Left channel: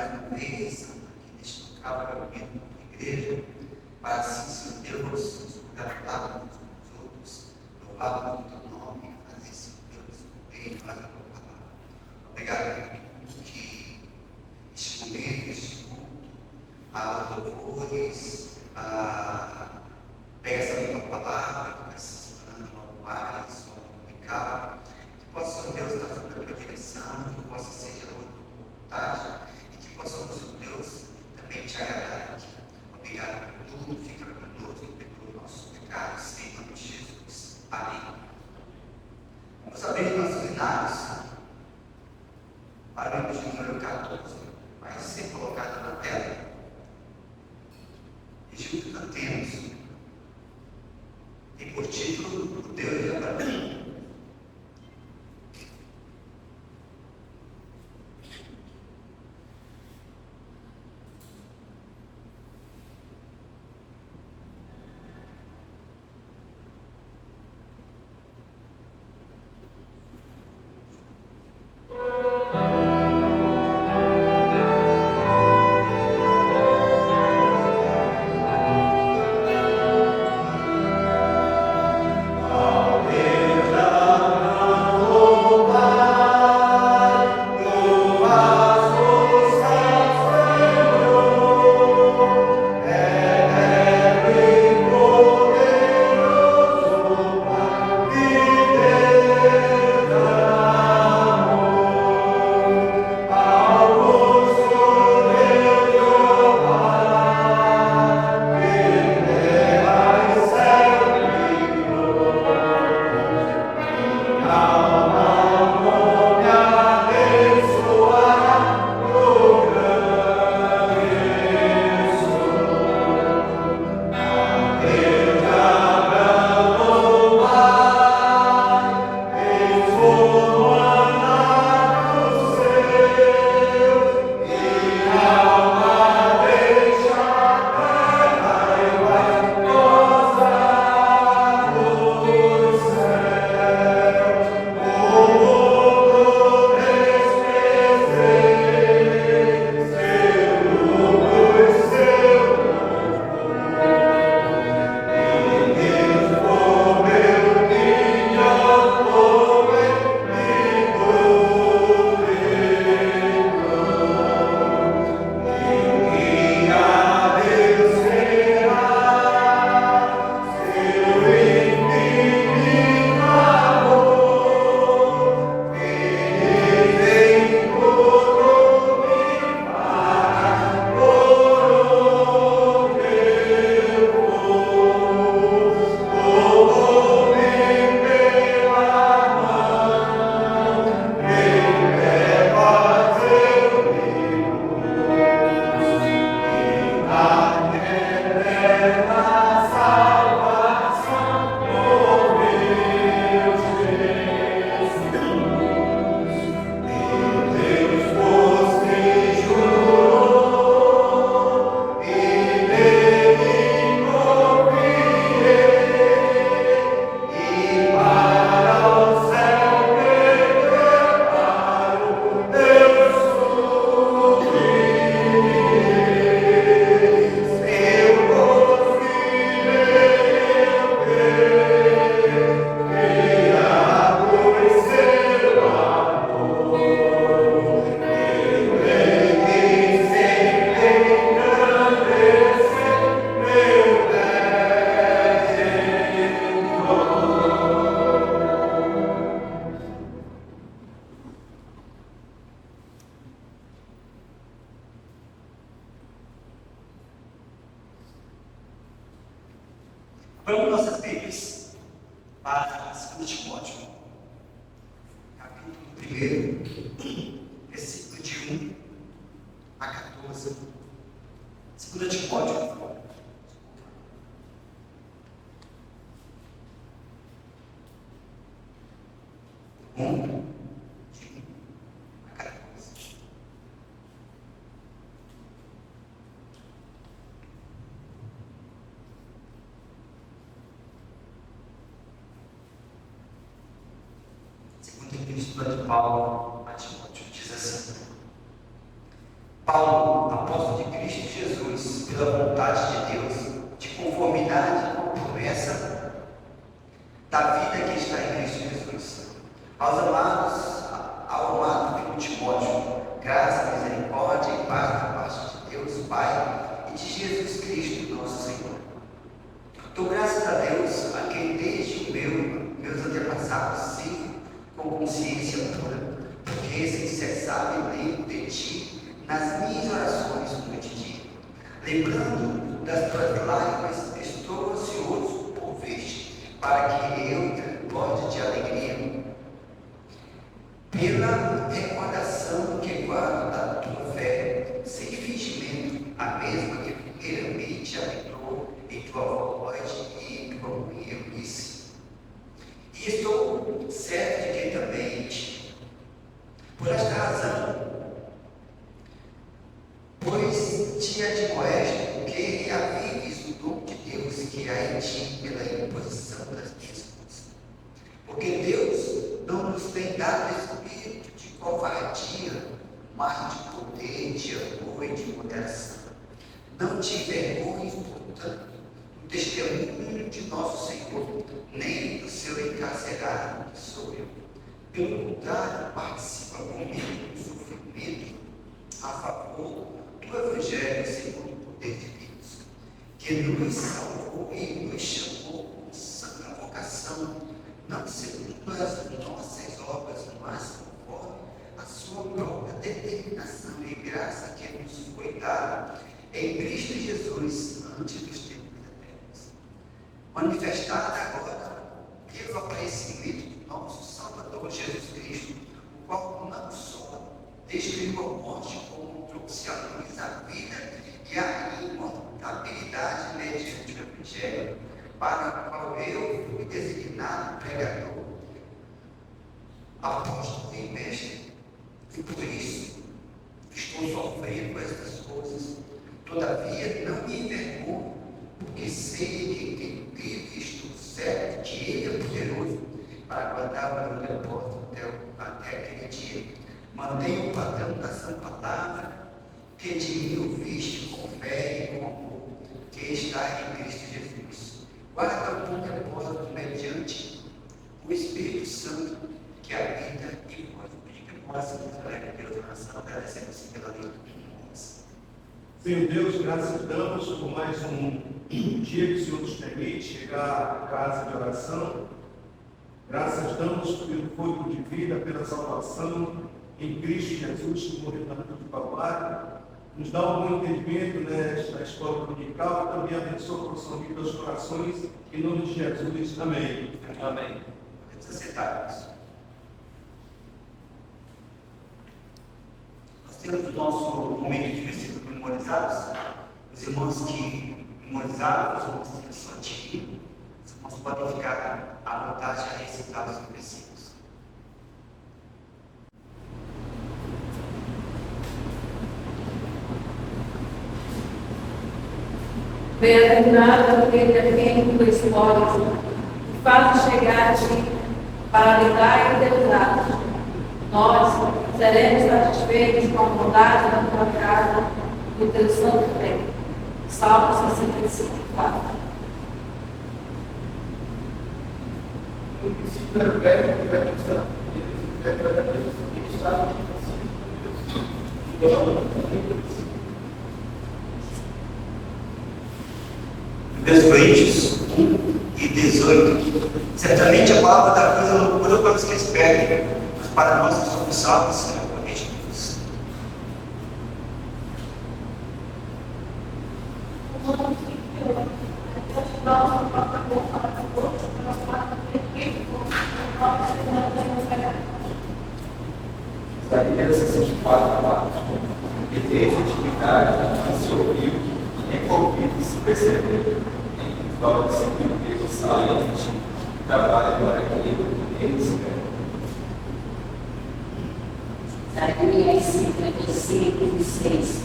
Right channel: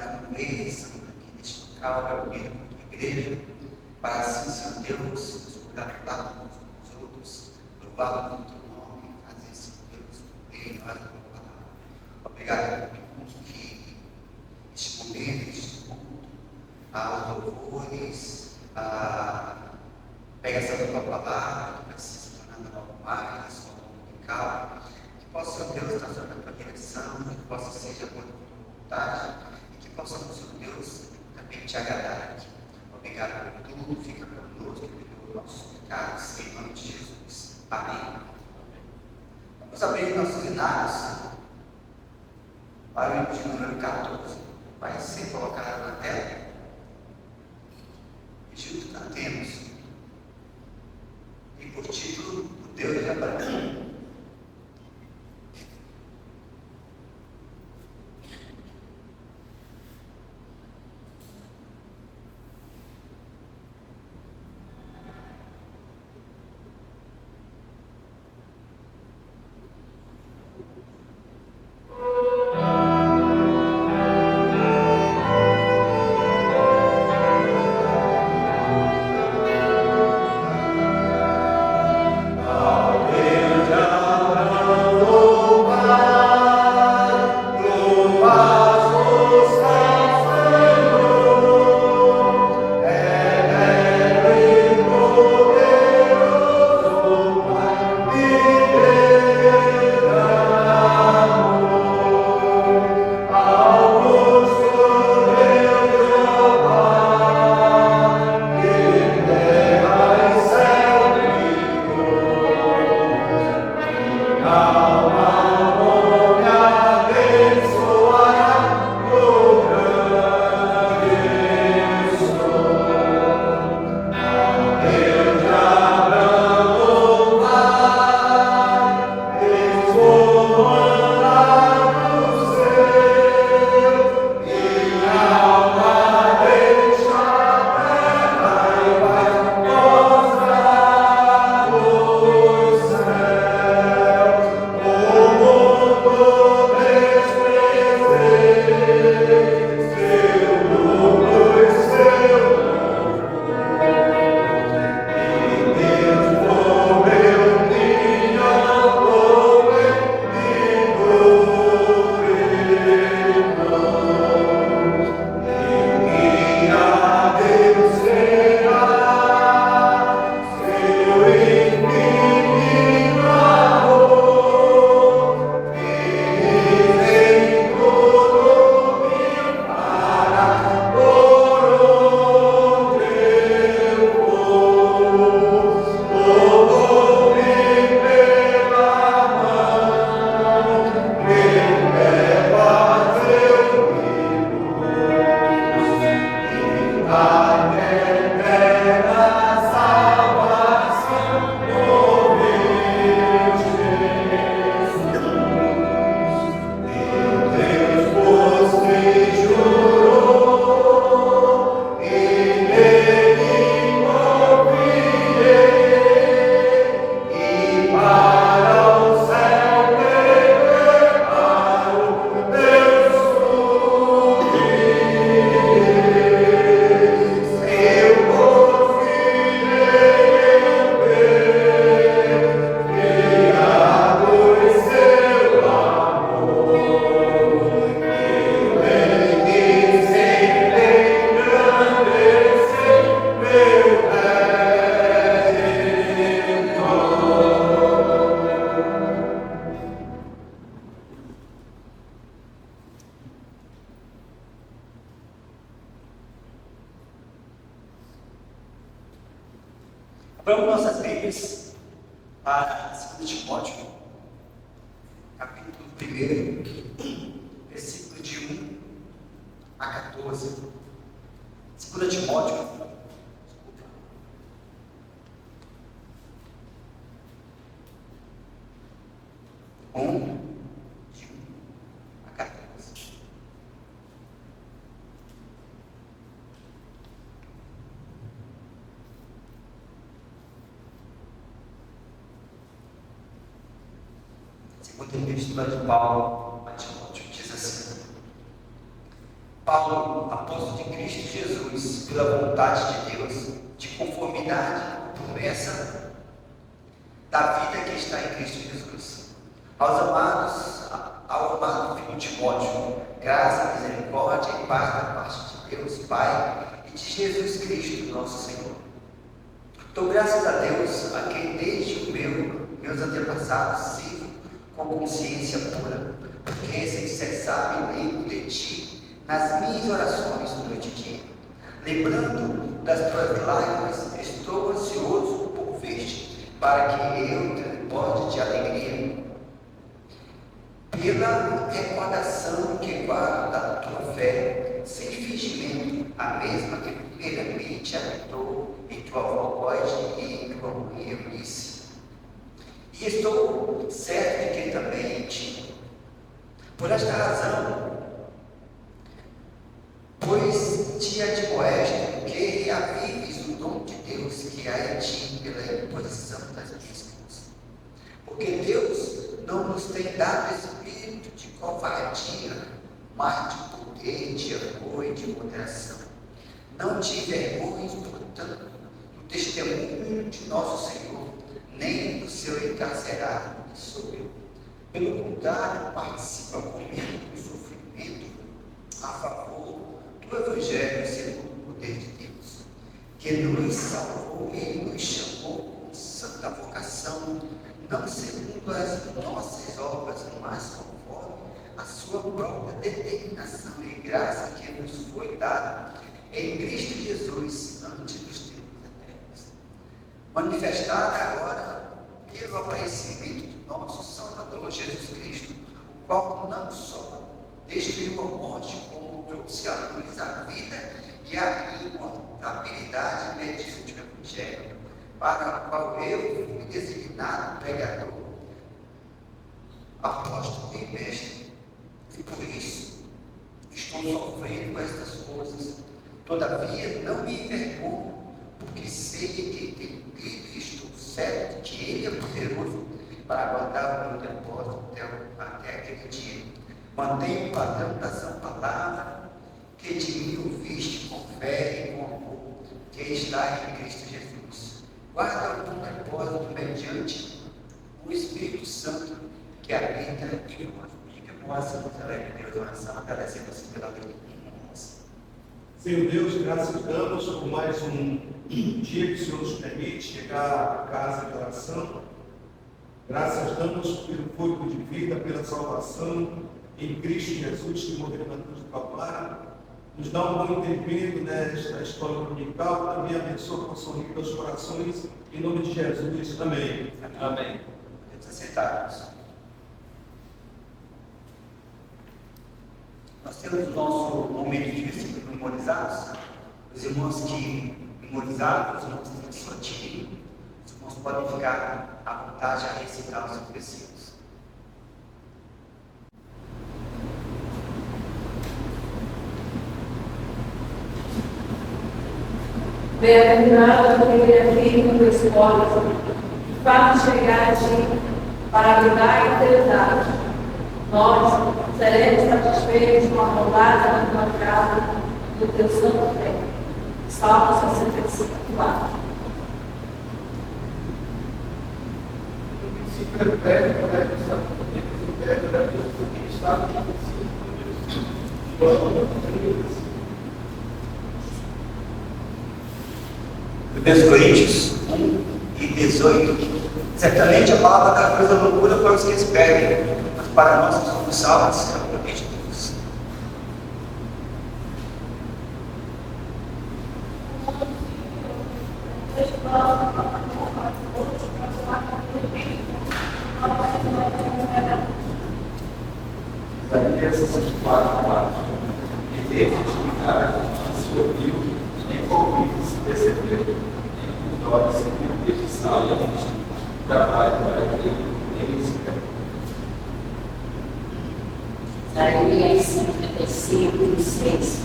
mais uma vez aqui neste local, reunido com a igreja, para assim, Senhor Deus, nos congratular uns com os outros, louvar o teu nome, fazer, Senhor Deus, bem mais uma palavra. Obrigado por tudo que este momento, este culto, louvores, pega essa tua palavra, que vai se tornando algo mais, algo complicado, que possa, Senhor Deus, estar sob a tua direção, que possa ser a tua vontade, e que possamos, Senhor Deus, também te agradar aqui. Obrigado por tudo, fica conosco, perdoa nossos pecados, em nome de Jesus. Amém. Vamos abrir nossos dados para o livro de número 14. Vai ser colocado na tela. E junto cantemos. Tem por título o Deus de Abraão. Vamos nossas Bíblias para 2 Timóteo, capítulo 1, versículo de 1 a 14. 2 Timóteo, de 1 a 14. Segundo o texto de Paulo a Timóteo, diz assim: Paulo, Paulo, apóstolo de Cristo Jesus, pela vontade de Deus, de conformidade com a promessa da vida que está em Cristo Jesus. Ao amado filho Timóteo, graça, misericórdia e paz da parte de Deus, Pai, e de Jesus Cristo, nosso Senhor. Dou graças a Deus, a quem desde meus antepassados sirvo com consciência pura, porque sem cessar eu lembro de Ti nas minhas orações noite e dia. Lembrando das Tuas lágrimas, estou ansioso por ver-te, para que eu transborde de alegria, pela recordação que guardo da Tua fé, sem fingimento, a mesma que primeiramente habitou em Tua voz e em Tua disse. E estou certo de que também em Ti. Por esta razão, pois te admoesto que reavives o dom de Deus que há em Ti pela imposição das minhas mãos. Porque Deus não nos tem dado espírito de covardia, mas de poder, de amor e de moderação. Não te envergonhes, portanto, do testemunho de nosso Senhor, nem do seu encarcerado, que sou eu. Pelo contrário, participa comigo do sofrimento a favor do Evangelho segundo o poder de Deus, que nos salvou e nos chamou com santa vocação, não segundo as nossas obras, mas conforme a sua própria determinação e graça que nos foi dada em Cristo Jesus antes dos tempos eternos. Manifestada agora pelo aparecimento do nosso Salvador Jesus Cristo, o qual não só destruiu a morte, como trouxe à luz a vida e a imortalidade mediante o Evangelho, para o qual eu fui designado pregador, apóstolo e mestre, e por isso estou sofrendo estas coisas. Todavia não me envergonho, porque sei que em Cristo estou certo que Ele é poderoso para guardar o meu depósito até aquele dia. Mantenho o padrão da sã palavra que de mim ouviste com fé e com amor, que está em Cristo Jesus. Guarda o teu depósito mediante o Espírito Santo que habita em nós. Que possa nos alegrar pela oração, agradecemos pela leitura. Senhor Deus, graças damos por mais um dia que o Senhor nos permite chegar à casa de oração. Graças damos pelo fôlego de vida, pela salvação em Cristo Jesus, que morreu na cruz do Calvário. Nos dá um bom entendimento nesta escola dominical, também abençoa com sorriso aos corações, em nome de Jesus. Amém. Amém. Vamos aceitar. Nós temos o nosso momento de versículos memorizados. Os irmãos que memorizaram, os irmãos que só adquiriram, os irmãos podem ficar à vontade a recitar os versículos. Bem-aventurado aquele amigo do espólio, que faz chegar a ti para lhe dar eternidade. Nós seremos satisfeitos com a bondade da tua casa e o teu santo reino. Salmo 65, 4. No princípio era o Verbo, o Verbo estava com Deus, o Verbo era Deus, que estava no princípio com Deus. Coríntios 1 e 18. Certamente a palavra da cruz é loucura para os que esperem, mas para nós que somos salvos, é obviamente Deus. Isaías 64, e teve intimidade, a sua viu, nem com ouvidos se percebeu, nem com os olhos se viu, Deus salente, trabalho para aquele que nem se perde. Isaías 55, 6.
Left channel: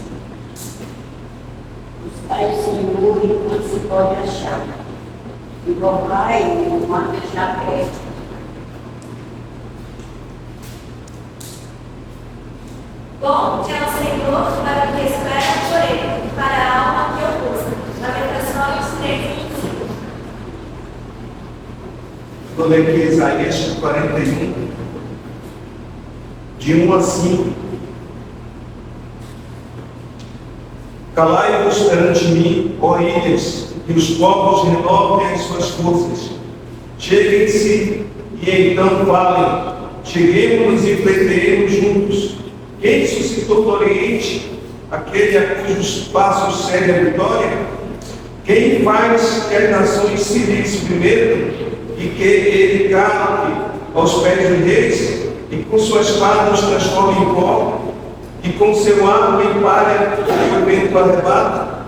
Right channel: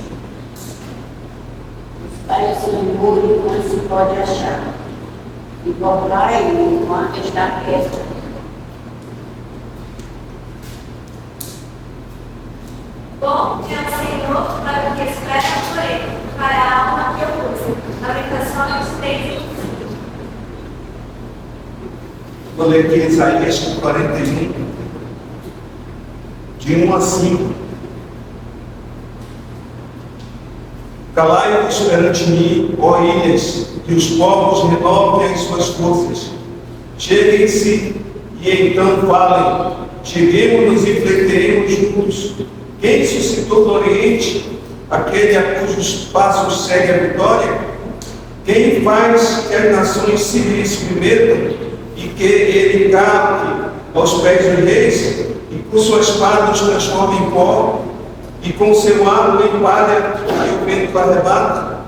Buscai o Senhor enquanto se pode achar, e invocai-o enquanto está perto. Bom é o Senhor para o que espera por ele, para a alma que o busca. Lamentações 3:25. Vou ler aqui Isaías 41, de 1 a 5. Calai-vos perante mim, ó ilhas, e os povos renovem as suas forças. Cheguem-se e então falem. Cheguemos e pleiteemos juntos. Quem suscitou do Oriente, aquele a cujos passos segue a vitória? Quem faz que as nações se submetam e que ele cale aos pés dos reis, e com suas espadas os transforma em pó, e com seu arco em palha aí o vento arrebata?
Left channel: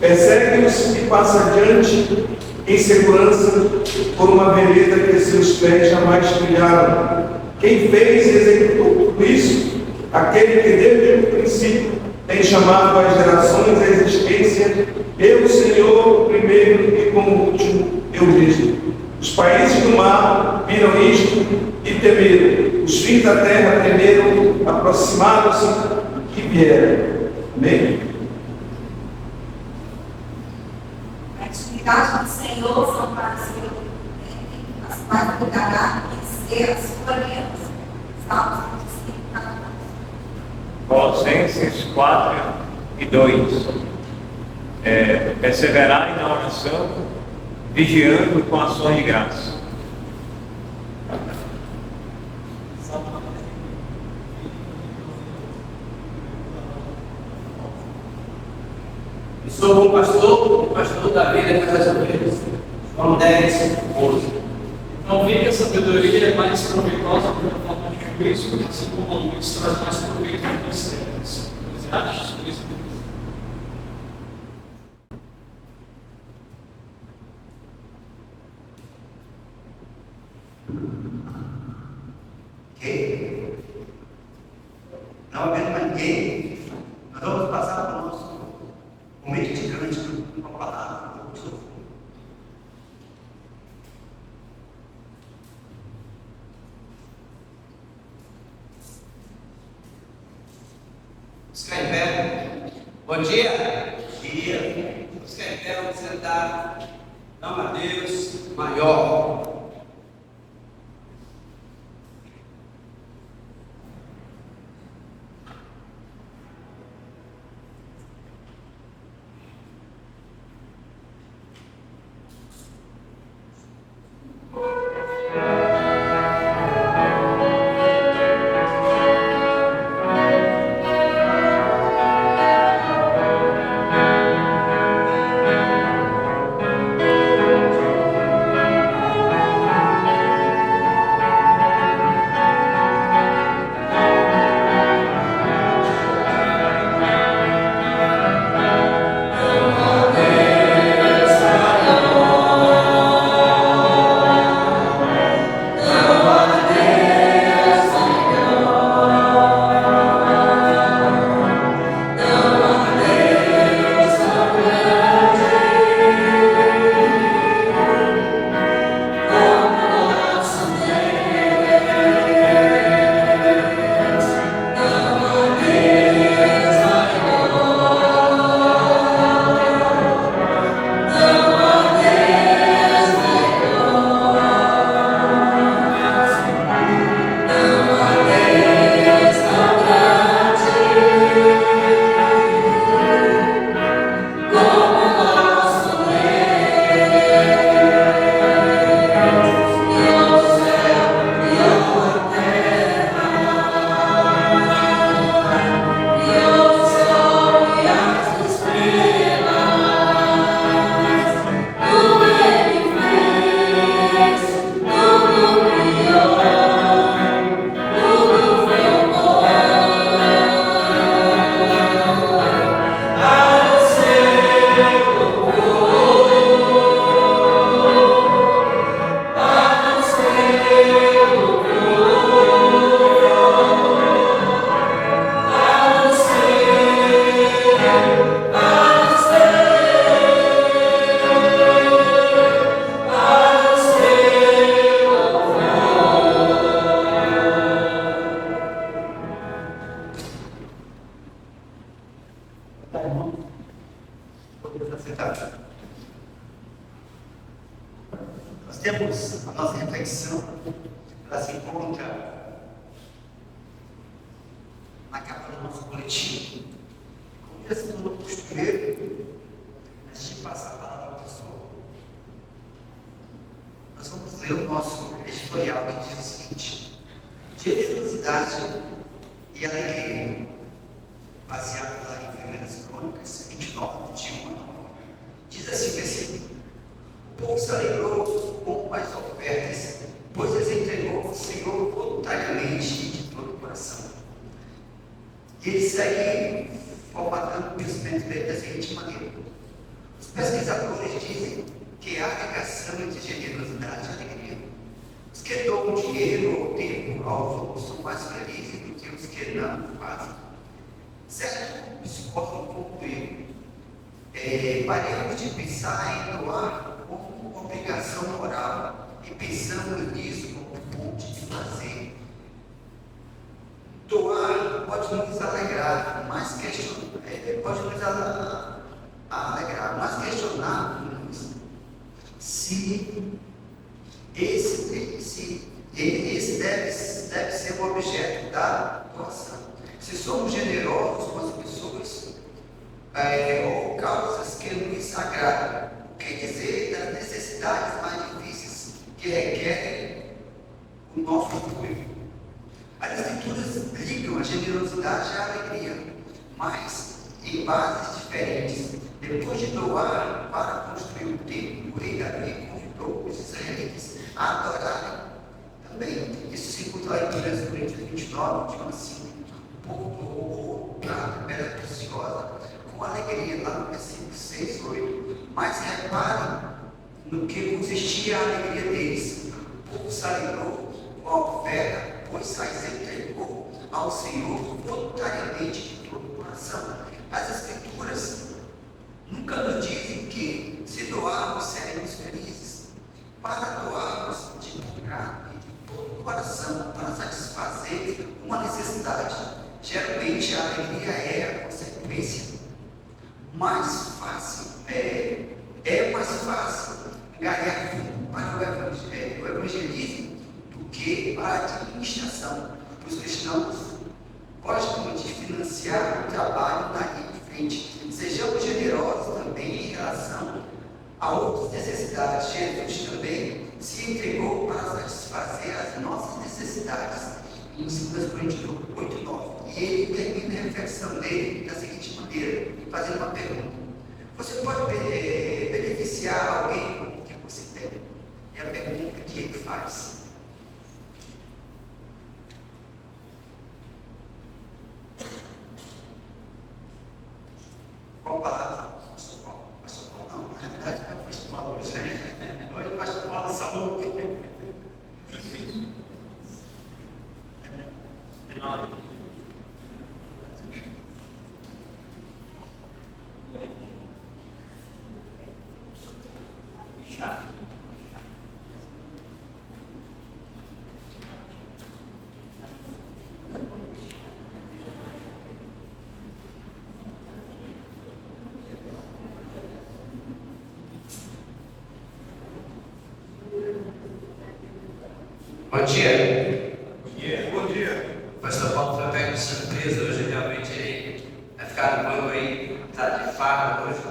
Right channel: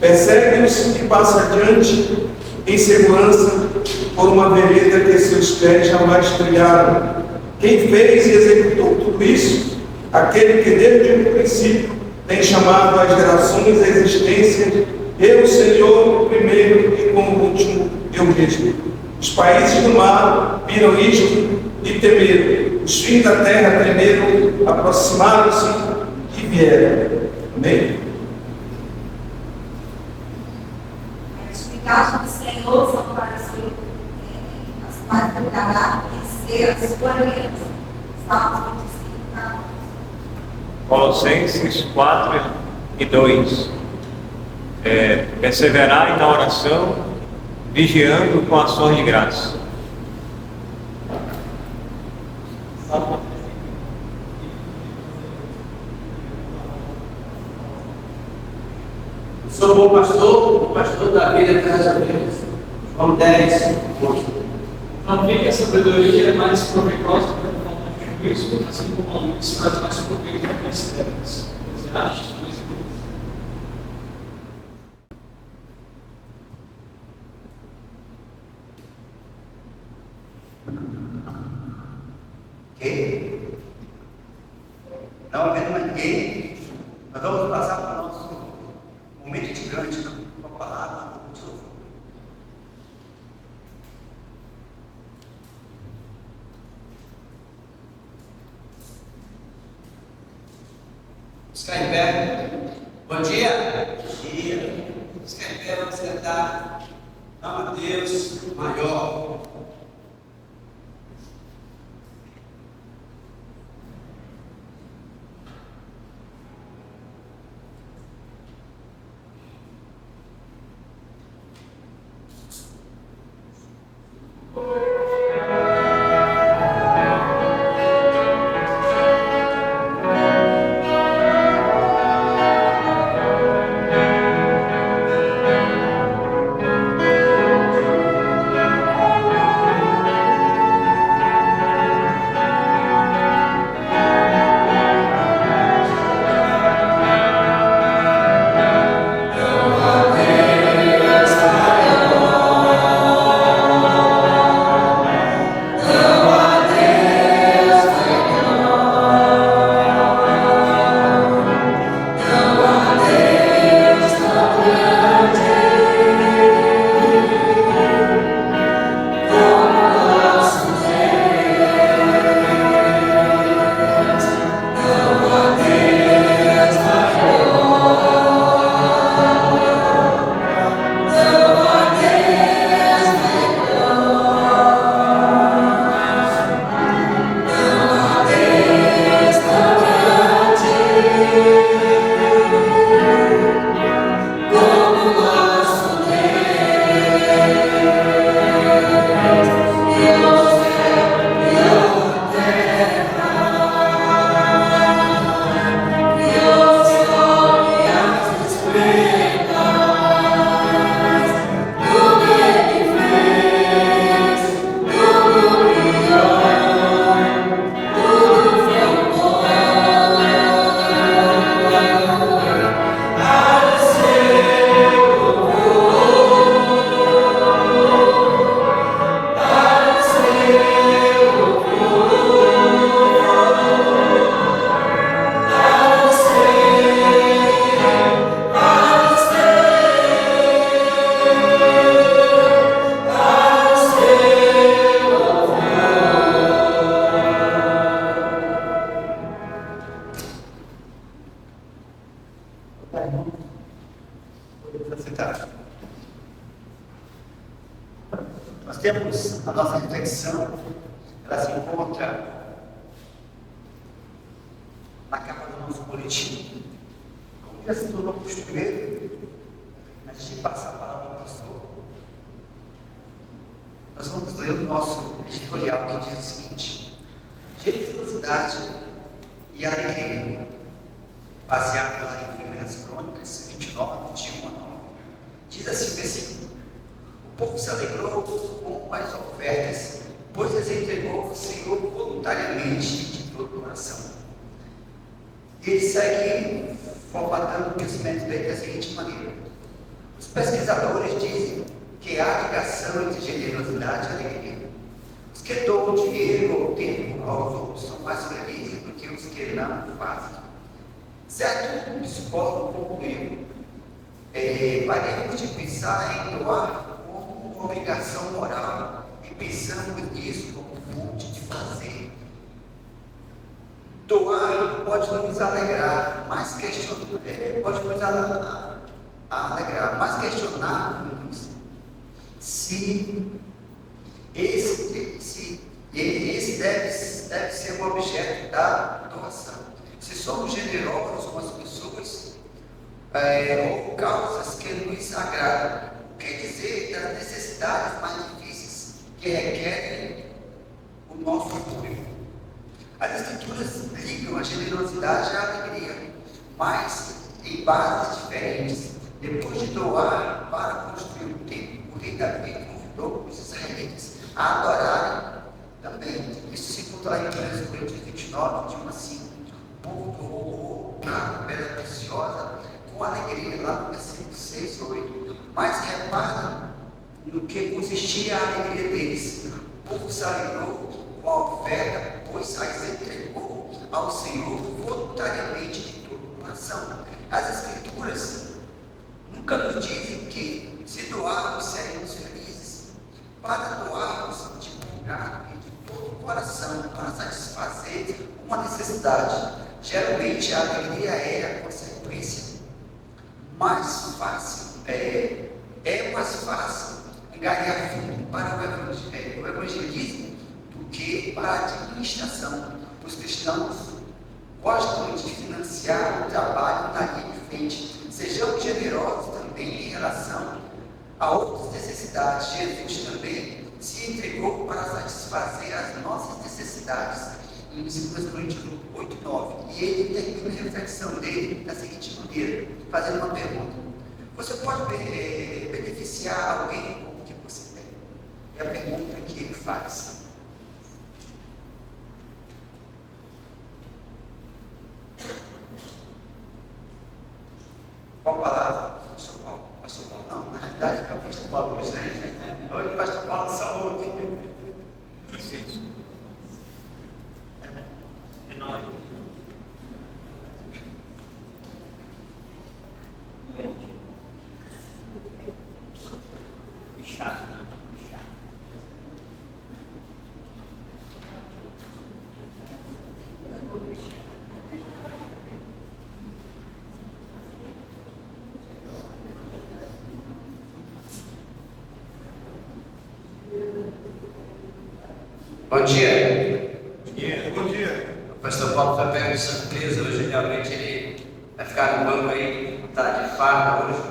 Persegue-os e passa adiante em segurança por uma vereda que seus pés jamais trilharam. Quem fez e executou tudo isso? Aquele que desde o princípio tem chamado as gerações à existência, eu, Senhor, o primeiro e como o último, eu mesmo. Os países do mar viram isto e temeram. Os fins da terra tremeram, aproximaram-se e vieram. Amém? A atividade do Senhor são para os que as quais cuidará e ser a sua aliança. Salmos 25, 14. Colossenses 4:2. Perseverarem na oração, vigiando com ações de graça. Eu sou bom pastor, o pastor da vida das ovelhas. João 10, 11. Uma vida a sabedoria é mais proveitosa para o falta de juízo, assim como a luz traz mais proveito para as trevas. Eclesiastes 2:2. Ok? Não apenas manter, mas vamos passar para o nosso momento de cântico com a palavra de louvor. Vamos ficar em pé. Bom dia. Dia. Vamos ficar em pé, vamos cantar. Ama a Deus maior. levantar a mão. Podemos aceitar. Nós temos a nossa reflexão, ela se encontra na capa do nosso coletivo. Como já se tornou costumeiro, a gente passa a palavra ao pastor. Nós vamos ler o nosso editorial que diz o seguinte: generosidade e alegria, baseado nas 1 Crônicas 29, de 1 a 9. Diz assim o versículo: o povo se alegrou com as ofertas, pois as entregou ao Senhor voluntariamente e de todo o coração. E ele segue formatando o pensamento dele da seguinte maneira: os pesquisadores dizem que há ligação entre generosidade e alegria. Os que doam dinheiro ou tempo aos outros são mais felizes do que os que não fazem. Certo? Discordo um pouco dele. Paremos de pensar em doar como uma obrigação moral e pensando nisso como fonte de fazer. Doar pode nos alegrar, mas questionarmos se esse deve ser o objeto da doação. Se somos generosos com as pessoas ou causas que nos agradam, o que dizer das necessidades mais difíceis que requerem o nosso apoio? As escrituras ligam a generosidade à alegria, mas em bases diferentes. Depois de doar para construir o templo, o rei Davi convidou os israelitas a adorarem também. Isso se encontra lá em 1 Coríntios 29, de 1 a 5. O povo doou prata, pedra preciosa, com alegria, lá no versículo 6 ou 8. Mas reparem no que consistia a alegria deles. O povo se alegrou com a oferta, pois as entregou ao Senhor voluntariamente de todo o coração. As Escrituras nunca nos dizem que, se doarmos, seremos felizes. Para doarmos de bom grado e de todo o coração, para satisfazer uma necessidade, geralmente a alegria é a consequência. Mais fácil, é mais fácil ganhar fundo para o evangelismo do que para a administração. Os cristãos gostam de financiar o trabalho da linha de frente. Sejamos generosos também em relação a outras necessidades. Jesus também se entregou para satisfazer as nossas necessidades. Em 2 Coríntios 8, 9. E ele termina a reflexão dele da seguinte maneira, fazendo uma pergunta: você pode beneficiar alguém com o que você tem? É a pergunta que ele faz. Qual palavra? Pastor Paulo? Pastor Paulo não, na realidade é o Pastor Paulo hoje, né? Hoje o Pastor Paulo saúde. Enorme. Bom dia. Bom dia. Bom dia. O pastor Paulo foi pego de surpresa hoje, realmente ele vai ficar no banco aí, está de farda hoje.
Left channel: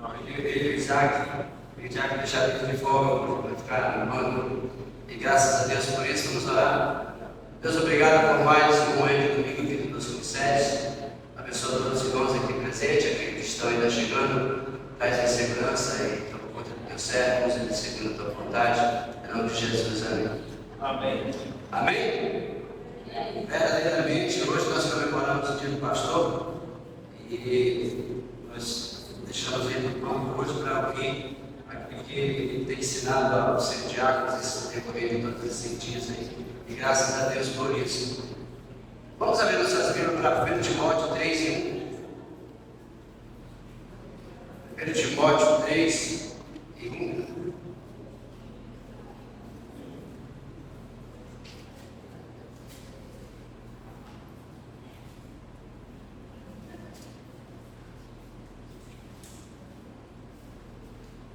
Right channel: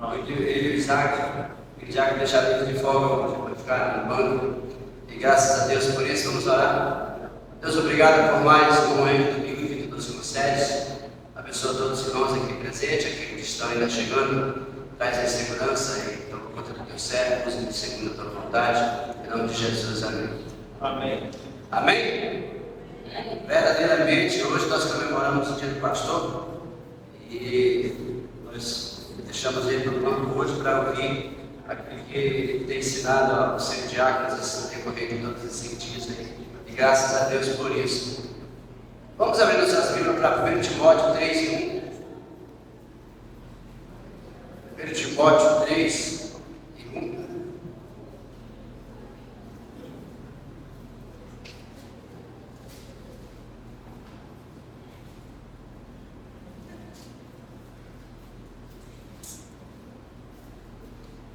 Não, ele e o Isaac deixaram ele de folga hoje, vai ficar no banco. E graças a Deus por isso, vamos orar. Deus, obrigado por mais um momento domingo que tu nos concedes. Abençoa todos os irmãos aqui presentes, aqueles que estão ainda chegando. Traz a segurança e por conta do teu servo, nos seguindo a tua vontade. Em nome de Jesus, amém. Amém. Amém? Verdadeiramente, hoje nós comemoramos o dia do pastor e nós deixamos ele no banco hoje para ouvir aquilo que ele tem ensinado aos seus diáconos no decorrer de todos esses dias e graças a Deus por isso. Vamos abrir nossas Bíblias para 1 Timóteo 3, 1. 1 Timóteo 3 e 1.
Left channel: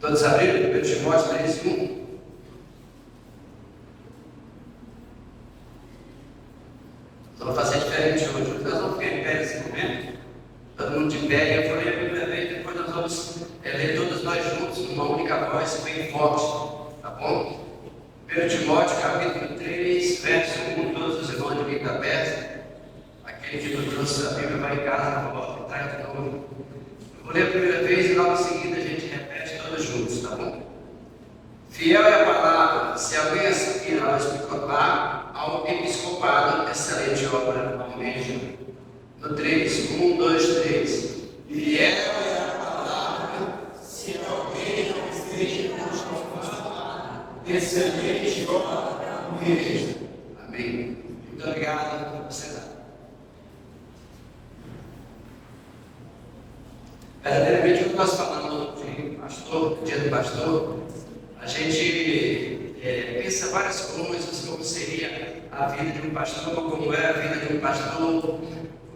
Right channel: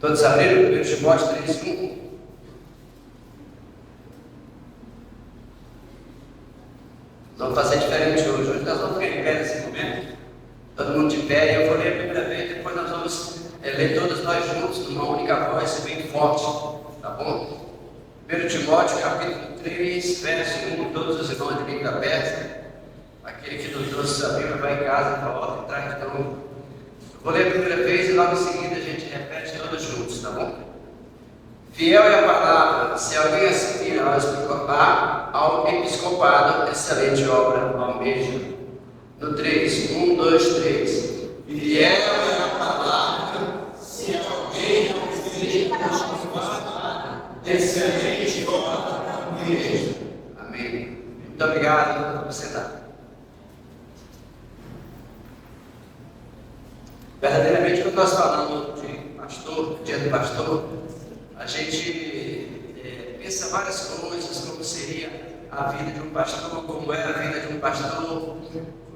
Todos abriram? 1 Timóteo 3:1. Nós vamos fazer diferente hoje. Hoje nós vamos ficar em pé nesse momento. Todo mundo de pé. E eu vou ler a primeira vez. Depois nós vamos ler todos nós juntos, numa única voz, bem forte. Tá bom? 1 Timóteo, capítulo 3, verso 1. Todos os irmãos de Bíblia aberta. Aquele que não trouxe a Bíblia vai em casa, para volta e traz de novo. Eu vou ler a primeira vez e logo em seguida a gente repete todos juntos, tá bom? Fiel é a palavra, se alguém assistir ao episcopado, excelente obra, almeja. No 3, 1, 2, 3. Fiel é a palavra, se alguém assistir ao episcopado, excelente obra, almeja. Amém. Muito obrigado por você dar. Verdadeiramente, quando nós falamos de pastor, dia do pastor, a gente pensa várias coisas, como seria a vida de um pastor, como é a vida de um pastor, o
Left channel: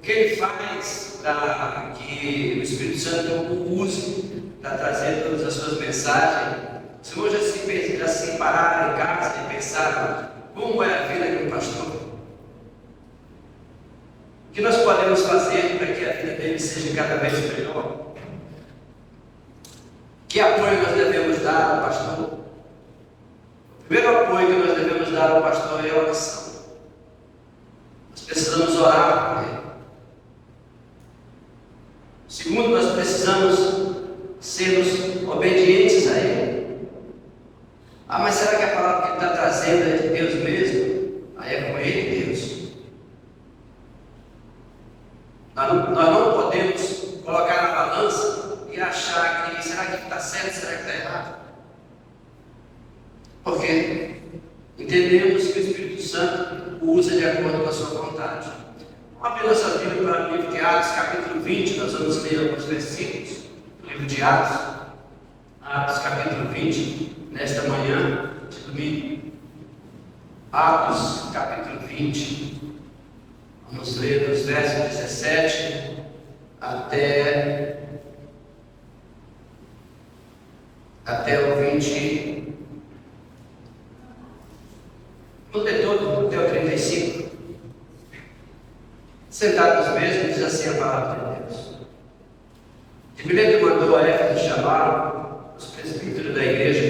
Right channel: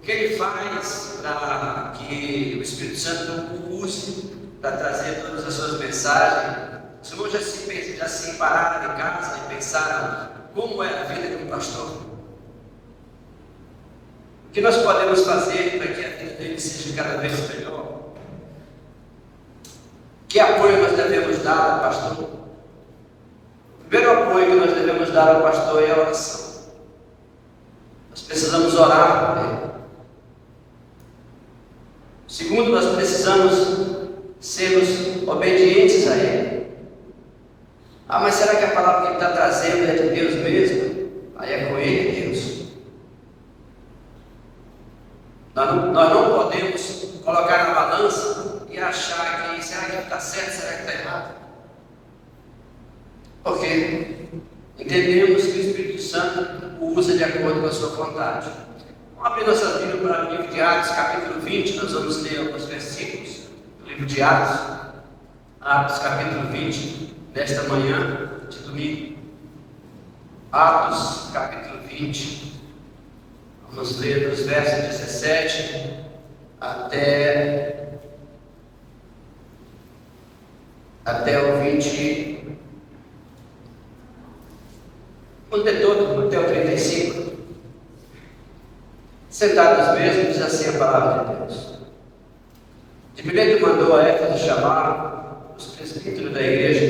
que ele faz para que o Espírito Santo o use para trazer todas as suas mensagens. Se hoje já se pararam em casa e pensaram como é a vida de um pastor, o que nós podemos fazer para que a vida dele seja cada vez melhor? Que apoio nós devemos dar ao pastor? O primeiro apoio que nós devemos dar ao pastor é a oração. Nós precisamos orar por ele. Segundo, nós precisamos sermos obedientes a ele. Ah, mas será que a palavra que ele está trazendo é de Deus mesmo? Aí é com ele, Deus. Nós não podemos colocar na balança e achar que será que está certo, será que está errado? Porque entendemos que o Espírito Santo o usa de acordo com a sua vontade. Vamos abrir nossas Bíblias para o livro de Atos, capítulo 20, nós vamos ler alguns versículos. Livro de Atos capítulo 20, nesta manhã de domingo. Atos capítulo 20, vamos ler os versos 17 até o 20, vamos ler todo até o 35. Sentados mesmo, diz assim a palavra de Deus. De primeiro mandou a Éfeso chamar os presbíteros da igreja,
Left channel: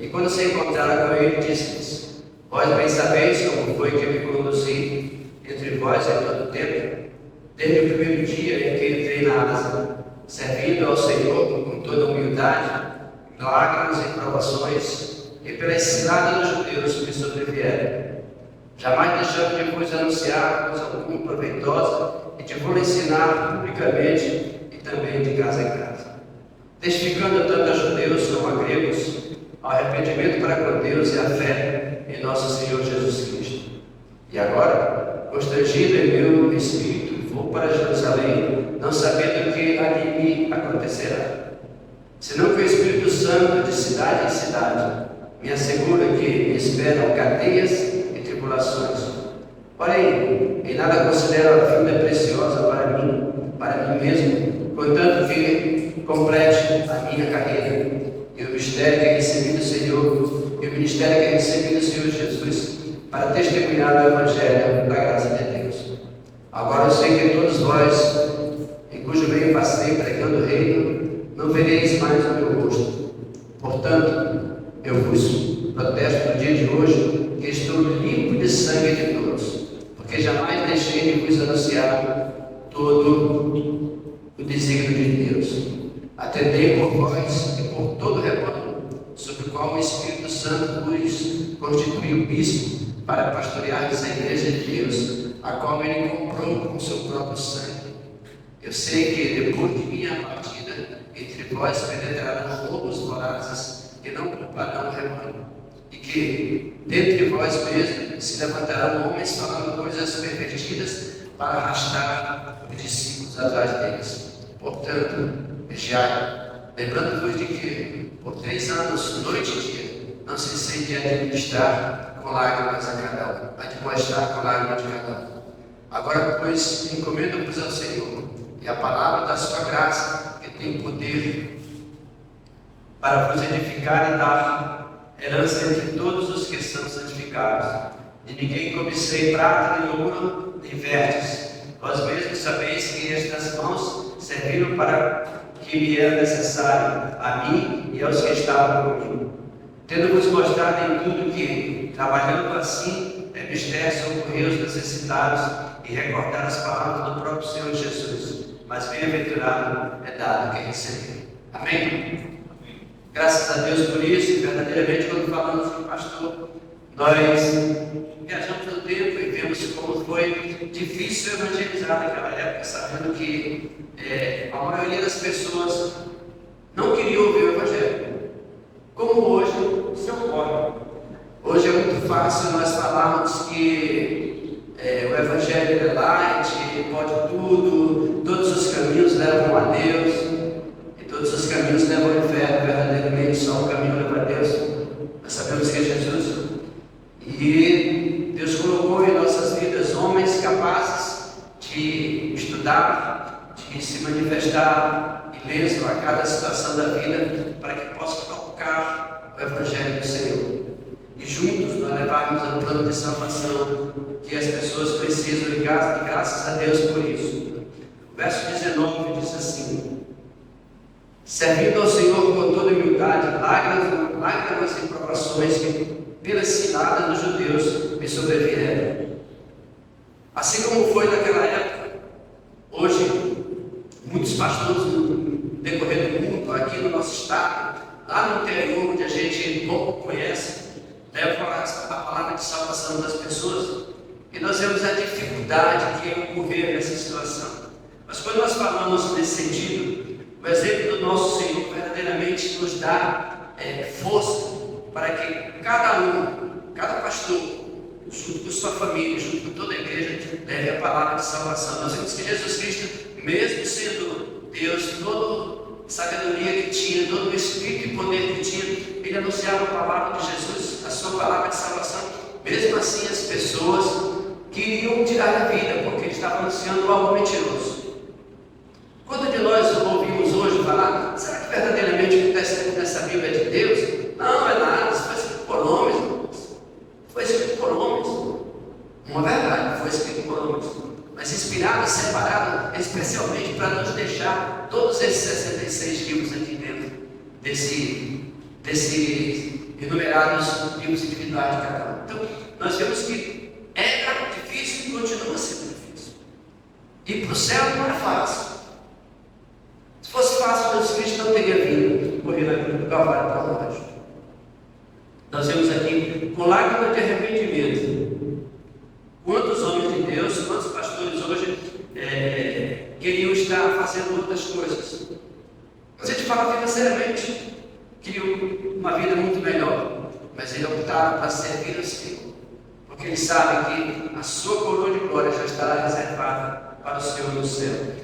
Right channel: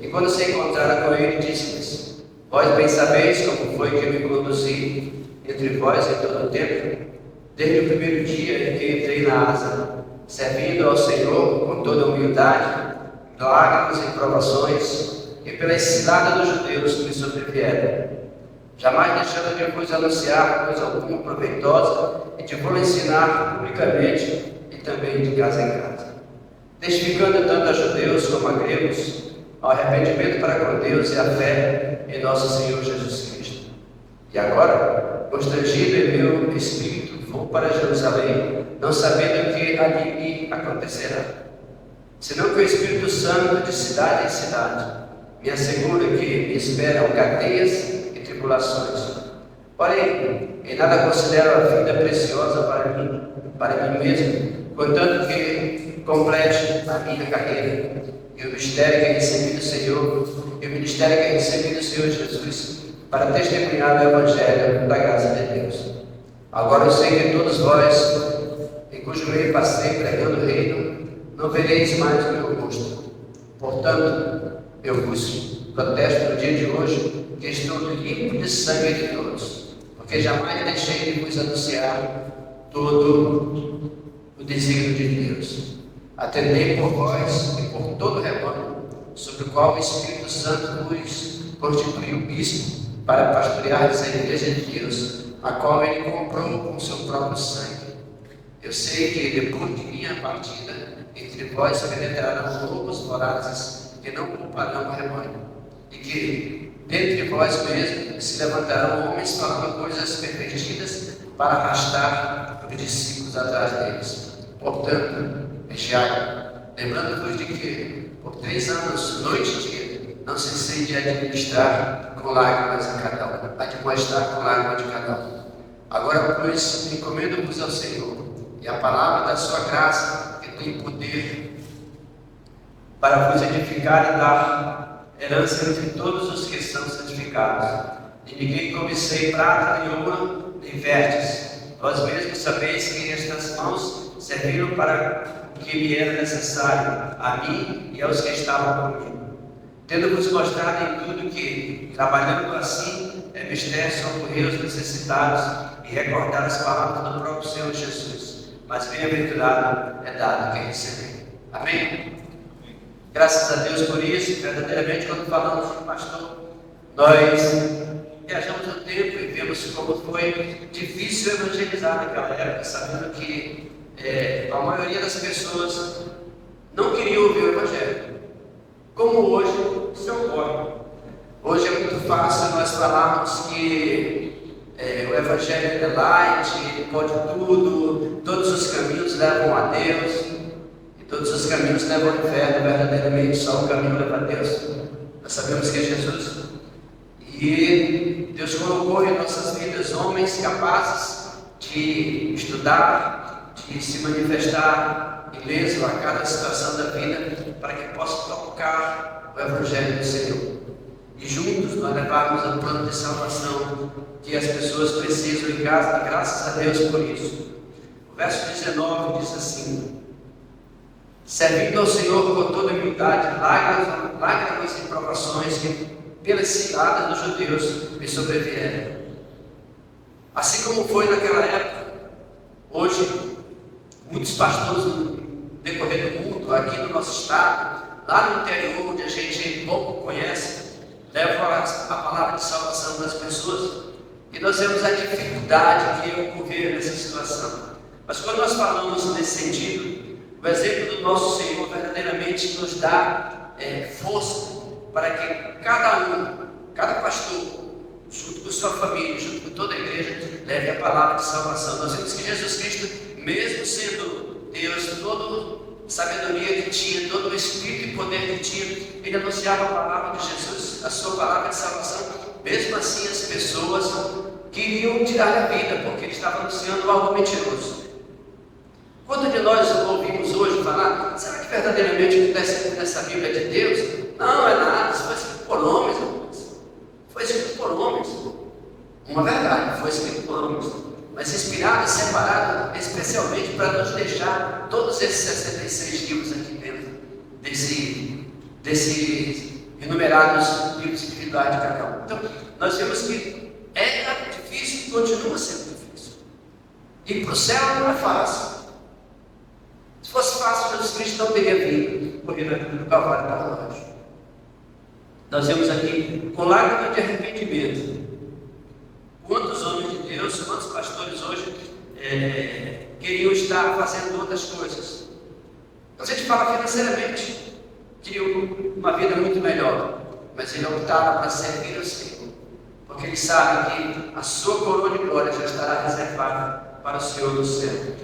e quando se encontraram com ele, disse-lhes: vós bem sabeis como foi que me conduzi entre vós em todo o tempo, desde o primeiro dia em que entrei na asa, servindo ao Senhor com toda humildade, lágrimas e provações, e pela ensinada dos judeus que me sobrevieram, jamais deixando de vos anunciar coisa alguma proveitosa, e de vos ensinar publicamente e também de casa em casa, testificando tanto a judeus como a gregos ao arrependimento para com Deus e a fé em nosso Senhor Jesus Cristo. E agora, constrangido em meu espírito, vou para Jerusalém, não sabendo o que ali me acontecerá, senão que o Espírito Santo, de cidade em cidade, me assegura que me esperam cadeias e tribulações. Porém, em nada considero a vida preciosa para mim mesmo, contanto que complete a minha carreira e o mistério que recebi do Senhor, Jesus, para testemunhar o Evangelho da graça de Deus. Agora eu sei que todos vós, em cujo meio passei pregando o reino, não vereis mais o meu rosto. Portanto, eu vos protesto no dia de hoje que estou limpo de sangue de todos, porque jamais deixei de vos anunciar todo o desígnio de Deus. Atendei por vós e por todo o rebanho, sobre o qual o Espírito Santo vos constituiu bispo, para pastoreares a igreja de Deus, a qual ele comprou com seu próprio sangue. Eu sei que depois de minha partida, entre vós penetrarão lobos vorazes que não culparão o rebanho, e que dentre vós mesmos se levantarão homens falando coisas pervertidas para arrastar os discípulos atrás deles. Portanto, vigiai, lembrando-vos de que por 3 anos, noite e dia, não cessei de administrar com lágrimas a cada um, admoestar com lágrimas de cada um. Agora, pois, encomendo-vos ao Senhor e a palavra da sua graça, que tem poder para vos edificar e dar herança entre todos os que são santificados. De ninguém cobicei prata nem ouro, nem vestes. Vós mesmos sabeis que estas mãos serviram para o que me era necessário, a mim e aos que estavam comigo. Tendo-vos mostrado em tudo que, trabalhando assim, é mister socorrer os necessitados e recordar as palavras do próprio Senhor Jesus. Mas bem-aventurado é dado quem recebeu. Amém? Graças a Deus por isso. Verdadeiramente, quando falamos com o pastor, nós viajamos no tempo e vemos como foi difícil evangelizar naquela época, sabendo que a maioria das pessoas não queria ouvir o Evangelho. Como hoje se ocorre. Hoje é muito fácil nós falarmos que o Evangelho é light, pode tudo, todos os caminhos levam a Deus, e todos os caminhos levam ao inferno, verdadeiramente só o caminho leva a Deus. Nós sabemos que é Jesus. E Deus colocou em nossas vidas homens capazes de estudar, de se manifestar ileso a cada situação da vida, para que possa tocar o Evangelho do Senhor. E juntos nós levarmos ao plano de salvação que as pessoas precisam, e graças a Deus por isso. O verso 19 diz assim: servindo ao Senhor com toda humildade, lágrimas e provações que pelas ciladas dos judeus me sobrevieram. Assim como foi naquela época, hoje, muitos pastores no decorrer do mundo, aqui no nosso estado, lá no interior, onde a gente pouco conhece, levam a palavra de salvação das pessoas, e nós vemos a dificuldade que ocorreu nessa situação. Mas quando nós falamos nesse sentido, o exemplo do nosso Senhor verdadeiramente nos dá força para que cada pastor, junto com sua família, junto com toda a igreja, leve a palavra de salvação. Nós vemos que Jesus Cristo, mesmo sendo Deus, toda a sabedoria que tinha, todo o espírito e poder que tinha, ele anunciava a palavra de Jesus, a sua palavra de salvação. Mesmo assim, as pessoas queriam tirar a vida, porque ele estava anunciando algo mentiroso. Quanto de nós ouvimos hoje falar, será que verdadeiramente o que está escrito nessa Bíblia é de Deus? Não é nada, isso foi escrito por homens, irmãos. Foi escrito por homens. Uma verdade, foi escrito por homens. Mas inspirado e separado especialmente para nos deixar todos esses 66 livros aqui dentro desses enumerados livros espirituais de cada um. Então, nós vemos que era difícil e continua sendo difícil. Ir para o céu não é fácil. Se fosse fácil, Jesus Cristo não teria vindo morrer na cruz do Calvário para nós. Nós vemos aqui com lágrimas de arrependimento. Quantos homens de Deus, quantos pastores hoje queriam estar fazendo outras coisas? A gente fala financeiramente, queriam uma vida muito melhor, mas eles optaram para servir ao Senhor, porque eles sabem que a sua coroa de glória já estará reservada para o Senhor do céu.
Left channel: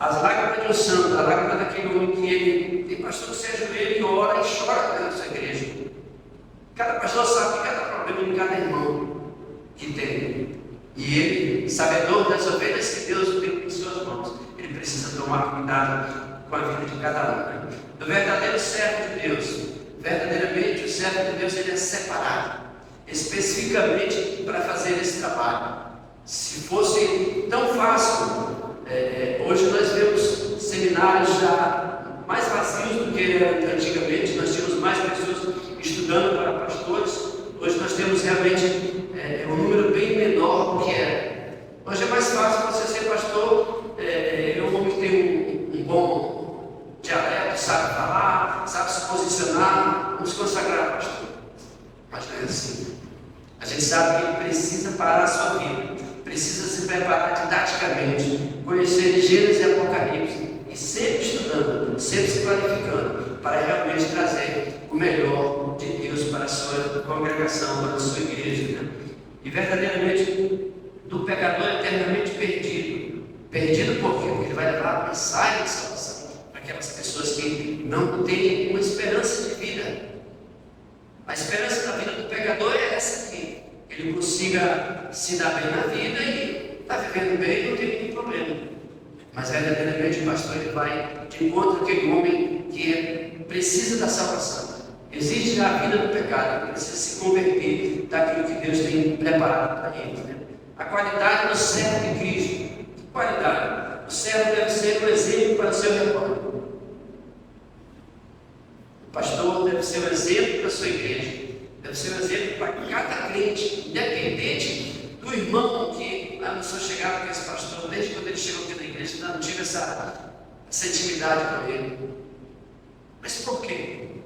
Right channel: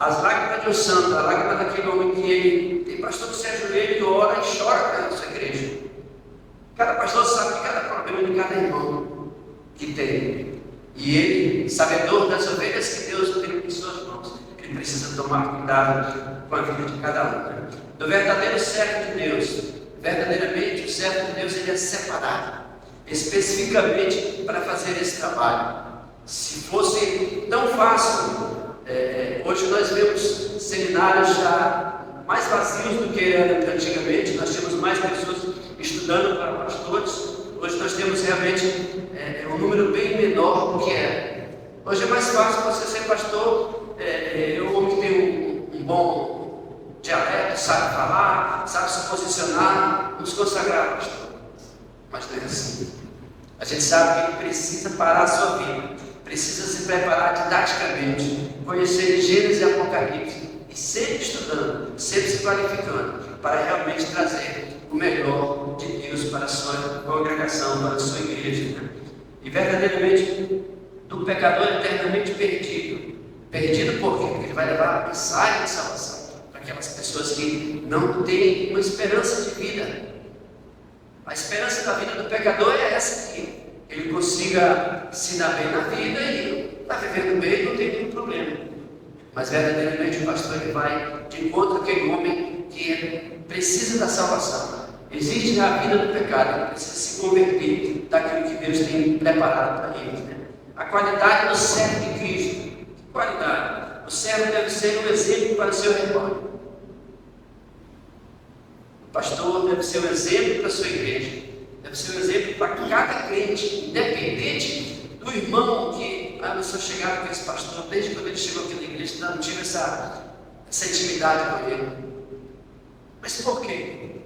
As lágrimas de um santo, a lágrima daquele homem que ele tem pastor que se ajoelha e ora e chora para a sua igreja. Cada pastor sabe que cada problema de cada irmão que tem. E ele, sabedor das ovelhas que Deus tem em suas mãos, ele precisa tomar cuidado com a vida de cada um. Né? Do verdadeiro servo de Deus, verdadeiramente o servo de Deus ele é separado, especificamente para fazer esse trabalho. Se fosse tão fácil, hoje nós vemos seminários já mais vazios do que eram antigamente, nós tínhamos mais pessoas estudando para pastores, hoje nós temos realmente um número bem menor do que era. Hoje é mais fácil você ser pastor, um homem que tem um bom dialeto, sabe falar, sabe se posicionar, nos consagrar pastor. Mas não é assim. A gente sabe que ele precisa parar a sua vida, precisa se preparar didaticamente, conhecer Gênesis e Apocalipse, e sempre estudando, sempre se qualificando, para realmente trazer o melhor de Deus para a sua congregação, para a sua igreja. Né? E verdadeiramente, do pecador eternamente perdido. Perdido por quê? Porque ele vai levar a mensagem de salvação para aquelas pessoas que não têm uma esperança de vida. A esperança da vida do pecador é essa aqui. Ele consiga se dar bem na vida e está vivendo bem, não tem nenhum problema. Mas verdadeiramente o pastor ele vai de encontro àquele homem que precisa da salvação, existe na vida do pecado, precisa se converter daquilo que Deus tem preparado para eles. Né? A qualidade do servo de Cristo. Que qualidade? O servo deve ser um exemplo para o seu rebanho. O pastor deve ser um exemplo para a sua igreja. Deve ser um exemplo para cada crente, independente do irmão que anunciou chegar com esse pastor, desde quando ele chegou aqui na igreja, não tive essa intimidade com ele. Mas por quê?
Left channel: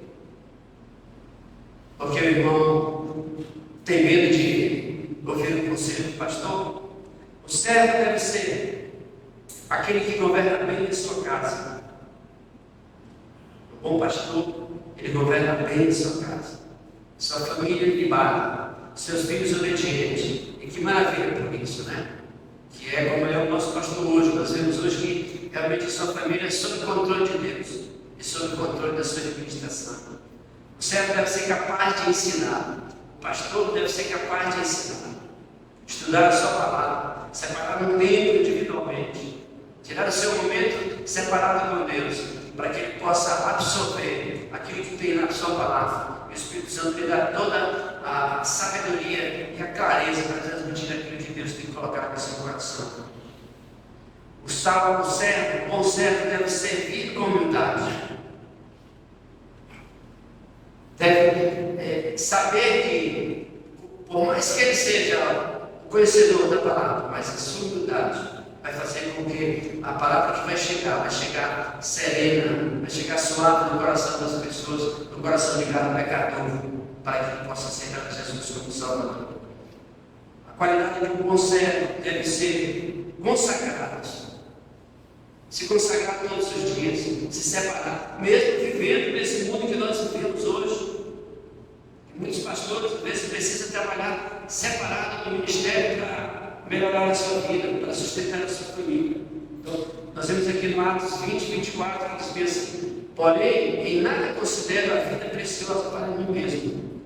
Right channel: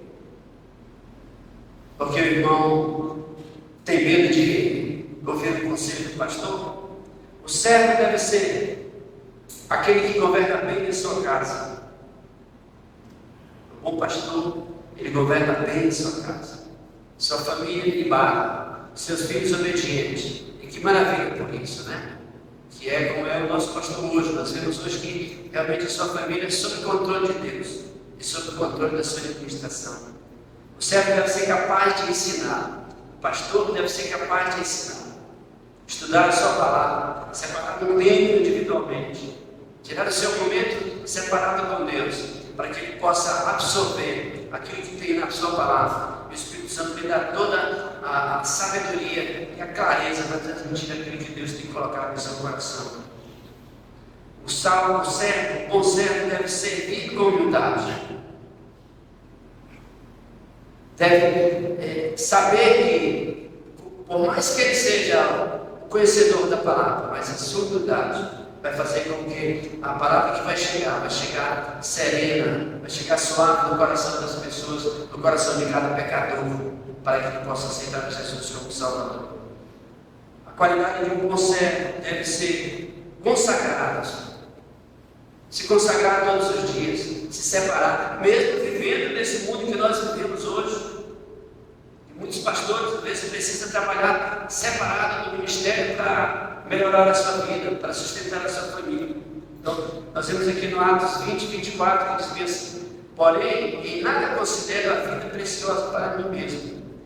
Porque o irmão tem medo de ouvir o conselho do pastor? O servo deve ser aquele que governa bem a sua casa. O bom pastor, ele governa bem a sua casa. Sua família limpada, seus filhos obedientes. E que maravilha por isso, né? Que é como é o nosso pastor hoje. Nós vemos hoje que realmente a sua família é sob o controle de Deus e sob o controle da sua administração. O servo deve ser capaz de ensinar. O pastor deve ser capaz de ensinar. Estudar a sua palavra, separar um tempo individualmente, tirar o seu momento separado com Deus, para que ele possa absorver aquilo que tem na sua palavra. O Espírito Santo lhe dá toda a sabedoria e a clareza para transmitir aquilo que Deus tem colocado no seu coração. O salvo, o bom servo deve servir com humildade. Deve saber que, por mais que ele seja o conhecedor da palavra, mas a sua humildade vai fazer com que a palavra que vai chegar serena, vai chegar suave no coração das pessoas, no coração de cada pecador, para que ele possa aceitar Jesus como Salvador. A qualidade de um bom servo deve ser consagrado. Se consagrar todos os dias, se separar, mesmo vivendo nesse mundo que nós vivemos hoje. E muitos pastores, às vezes, precisam trabalhar separado do ministério para melhorar a sua vida, para sustentar a sua família. Então, nós vemos aqui no Atos 20, 24, que diz assim: porém, em nada considero a vida preciosa para mim mesmo,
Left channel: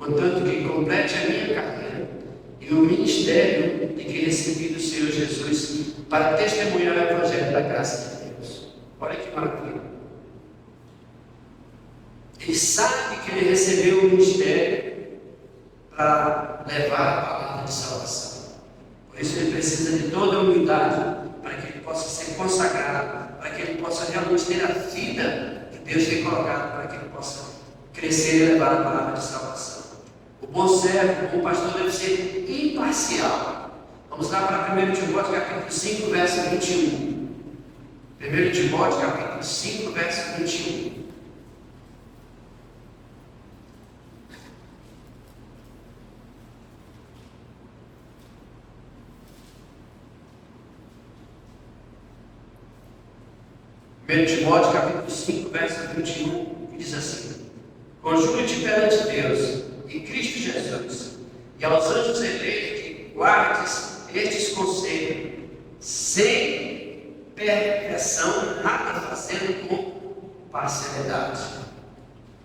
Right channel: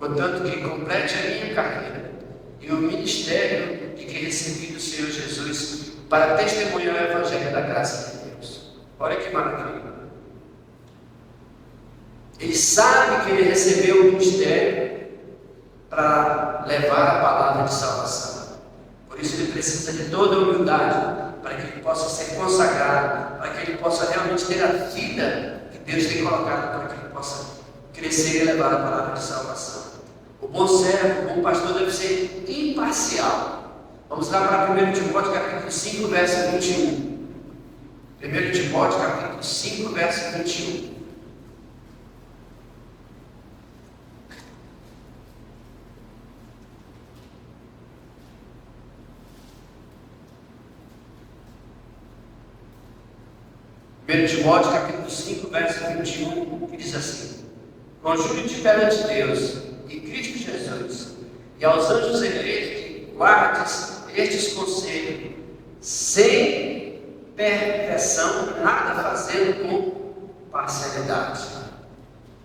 contanto que complete a minha carreira e o ministério de que recebi do Senhor Jesus para testemunhar o Evangelho da graça de Deus. Olha que maravilha. Ele sabe que ele recebeu o ministério para levar a palavra de salvação. Por isso ele precisa de toda a humildade, para que ele possa ser consagrado, para que ele possa realmente ter a vida que Deus tem colocado, para que ele possa crescer e levar a palavra de salvação. O bom servo, o bom pastor deve ser imparcial. Vamos lá para 1 Timóteo capítulo 5, verso 21. 1 Timóteo capítulo 5, verso 21. Timóteo capítulo 5, verso 21, que diz assim: conjuro-te perante Deus e Cristo Jesus e aos anjos eleitos que guardes estes conselhos, sem perversão, nada fazendo com parcialidade.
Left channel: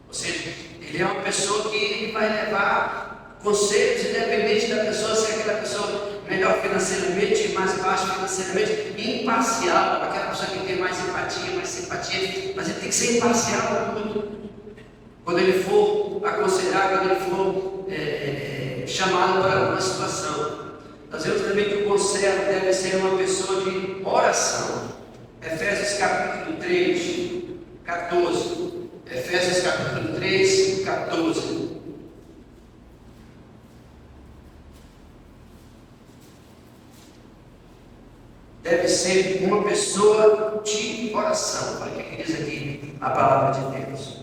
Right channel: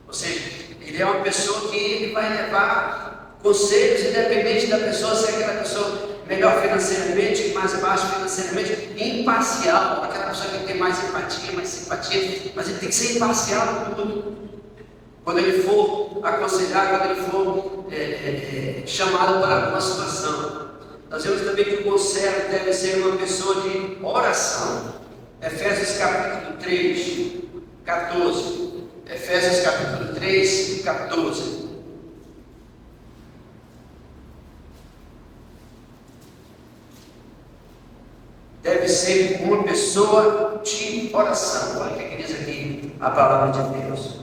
Ou seja, ele é uma pessoa que ele vai levar conselhos independente da pessoa, se é aquela pessoa melhor financeiramente, mais baixo financeiramente, imparcial, aquela pessoa que tem mais empatia, mais simpatia, mas ele tem que ser imparcial em tudo. Quando ele for aconselhar, quando ele for chamado para alguma situação. Nós vemos também que o bom servo deve ser uma pessoa de oração. Efésios capítulo 3, 14. Efésios capítulo 3, 14. Deve ser uma pessoa de oração. Olha o que diz aqui a palavra de Deus.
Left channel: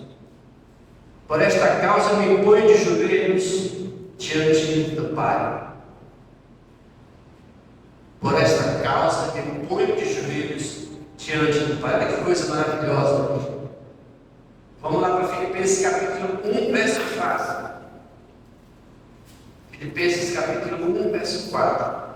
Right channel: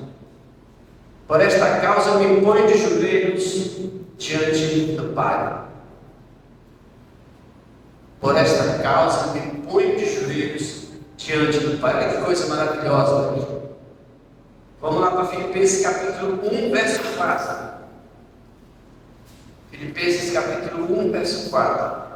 Por esta causa me ponho de joelhos diante do Pai. Por esta causa me ponho de joelhos diante do Pai. Olha que coisa maravilhosa. Vamos lá para Filipenses capítulo 1, verso 4. Filipenses capítulo 1, verso 4.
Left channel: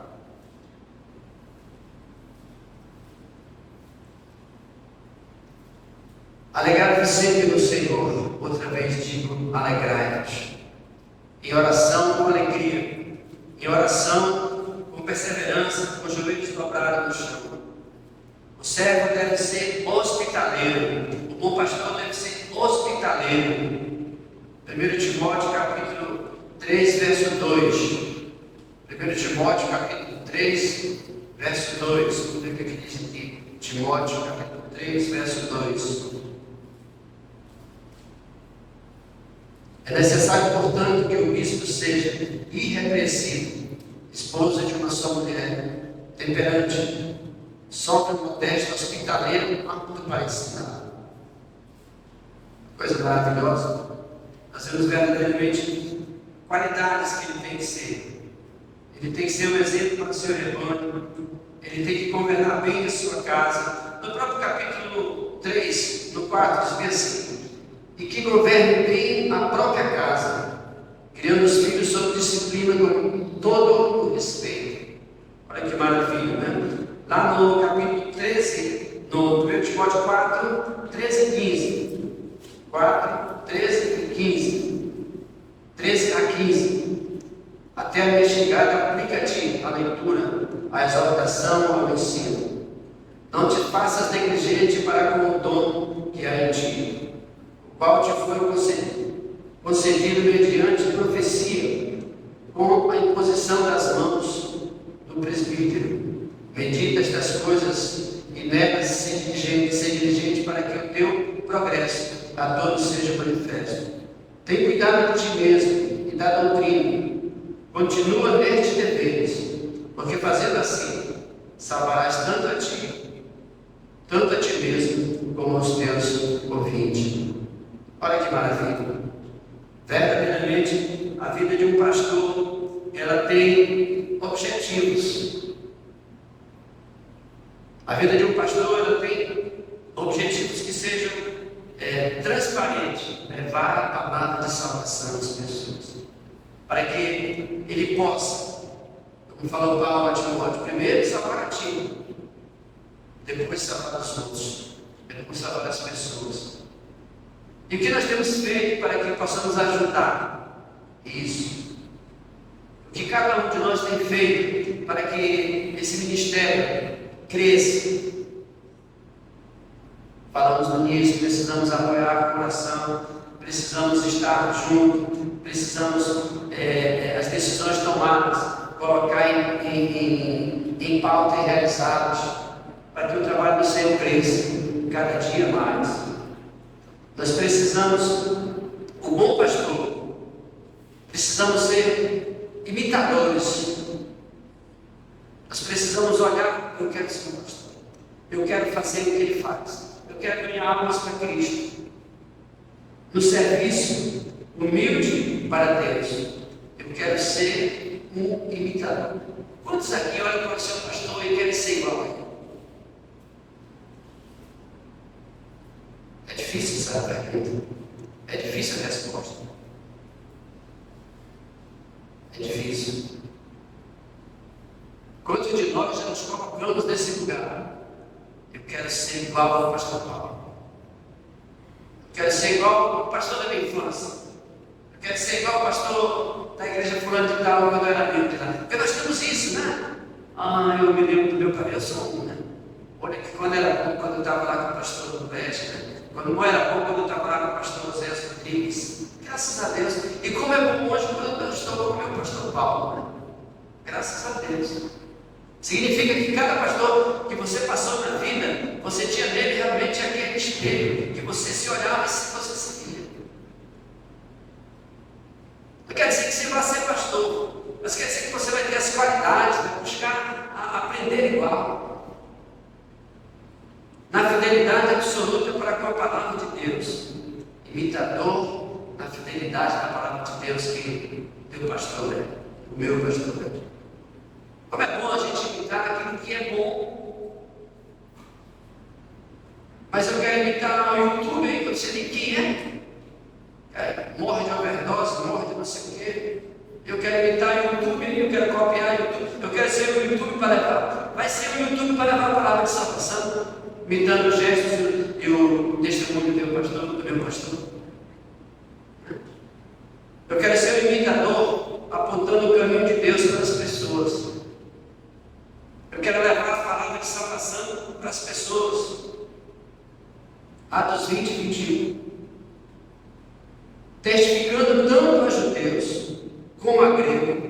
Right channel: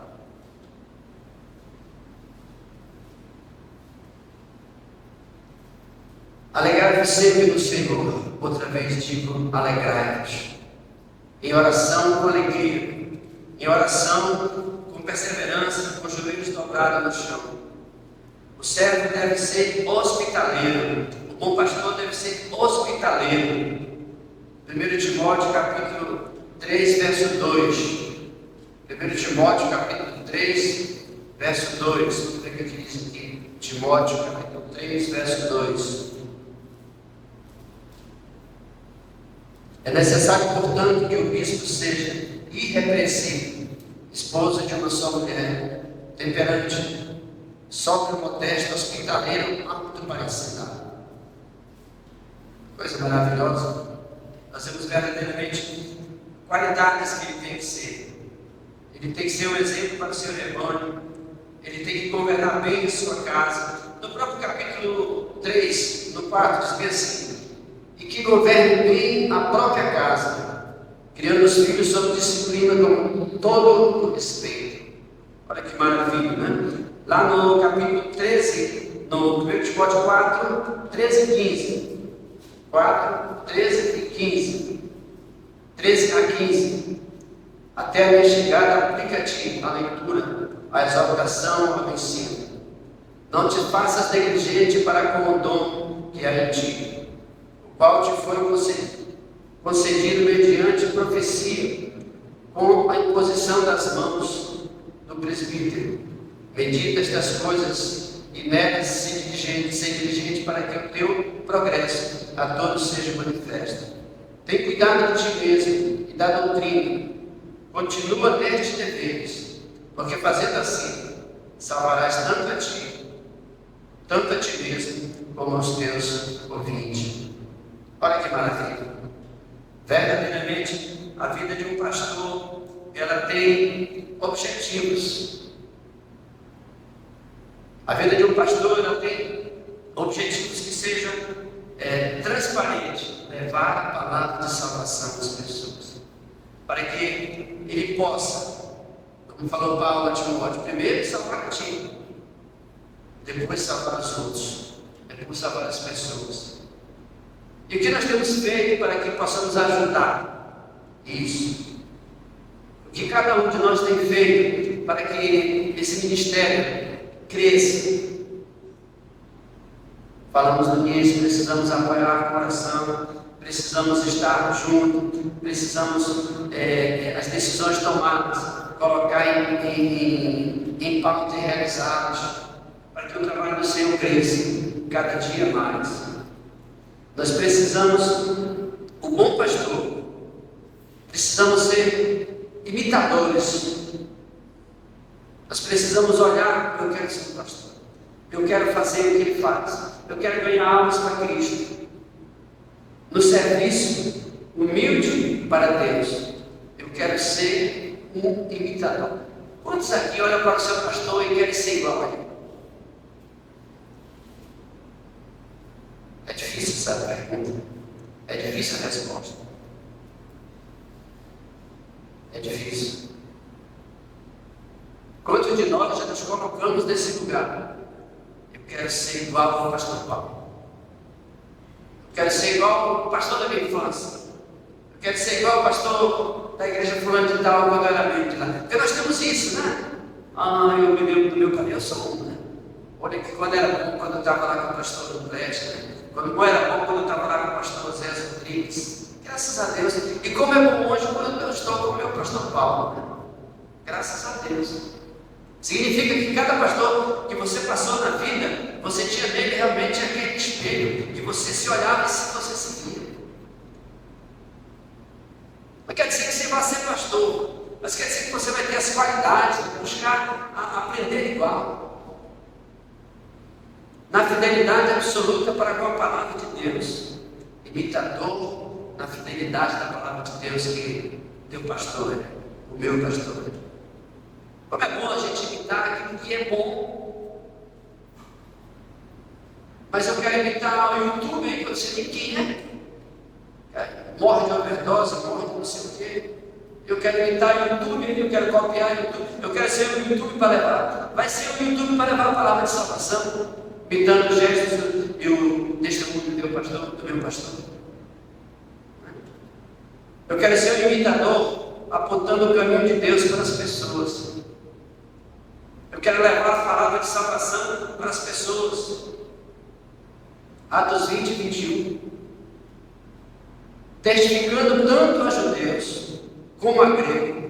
Alegrai-vos sempre no Senhor. Outra vez digo, alegrai-vos. Em oração com alegria. Em oração com perseverança, com os joelhos dobrados no chão. O servo deve ser hospitaleiro. O bom pastor deve ser hospitaleiro. Bíblia. 1 Timóteo capítulo 3, verso 2. 1 Timóteo capítulo 3, verso 2. Vamos ver o que diz aqui. Timóteo capítulo 3, verso 2. É necessário, portanto, que o bispo seja irrepreensível, esposo de uma só mulher, temperante, sóbrio, modesto, hospitaleiro, apto para ensinar. Coisa maravilhosa. Nós vemos verdadeiramente qualidades que ele tem que ser. Ele tem que ser um exemplo para o seu rebanho. Ele tem que governar bem a sua casa. No próprio capítulo 3, no 4, diz bem assim: e que governe bem a própria casa, criando os filhos sob disciplina com todo o respeito. Olha que maravilha, né? Lá no capítulo 13, no 1 Timóteo 4, 13 e 15. 4, 13 e 15. 13 a 15. Até chegar aplicativo, a leitura, a exaltação, ao ensino. Não te faças negligente para com o dom que há em ti, o qual te foi concedido mediante profecia, com a imposição das mãos do presbítero. Medita estas coisas e nega ser diligente para que o teu progresso a todos seja manifesto. Tem cuidado de ti mesmo e da doutrina. Continua nestes deveres, porque fazendo assim, salvarás tanto a ti mesmo, como aos teus ouvintes. Olha que maravilha. Verdadeiramente, a vida de um pastor, ela tem objetivos. A vida de um pastor, ela tem objetivos que sejam transparentes, levar a palavra de salvação às pessoas, para que ele possa, como falou Paulo a Timóteo, primeiro salvar a ti, depois salvar os outros, depois salvar as pessoas. E o que nós temos feito para que possamos ajudar isso? O que cada um de nós tem feito para que esse ministério cresça? Falamos no início, precisamos apoiar a oração, precisamos estar juntos, precisamos, as decisões tomadas, colocar em pauta e realizadas, para que o trabalho do Senhor cresça cada dia mais. Nós precisamos, o bom pastor, precisamos ser imitadores. Nós precisamos olhar: eu quero ser um pastor, eu quero fazer o que ele faz, eu quero ganhar almas para Cristo, no serviço humilde para Deus. Eu quero ser um imitador. Quantos aqui olham para o seu pastor e querem ser igual a ele? É difícil essa pergunta, é difícil a resposta, é difícil. Quantos de nós já nos colocamos nesse lugar? Eu quero ser igual ao pastor Paulo, quero ser igual ao pastor da minha infância, eu quero ser igual ao pastor da igreja fulano de tal, quando eu era membro de lá. Porque nós temos isso, né? Eu me lembro do meu pai, eu sou um, né? Olha que quando era bom, quando eu estava lá com o pastor Leste, né? Quando não era bom, quando eu estava lá com o pastor Zé Rodrigues, graças a Deus. E como é bom hoje quando eu estou com o meu pastor Paulo, né? Graças a Deus. Significa que cada pastor que você passou na vida, você tinha nele realmente aquele espelho, que você se olhava e você se via. Não quer dizer que você vai ser pastor, mas quer dizer que você vai ter as qualidades, buscar aprender igual. Na fidelidade absoluta para com a palavra de Deus, imitador na fidelidade da palavra de Deus que teu pastor é, o meu pastor é. Como é bom a gente imitar aquilo que é bom. Mas eu quero imitar o YouTube aí, quando você tem quem é? Morre de overdose, morre de não sei o quê. Eu quero imitar o YouTube aí, eu quero copiar o YouTube, eu quero ser o YouTube para levar. Vai ser o YouTube para levar a palavra de salvação, imitando os gestos e o testemunho do meu pastor. Eu quero ser um imitador, apontando o caminho de Deus para as pessoas. Eu quero levar a palavra de salvação para as pessoas. Atos 20 e 21. testificando tanto a judeus como a gregos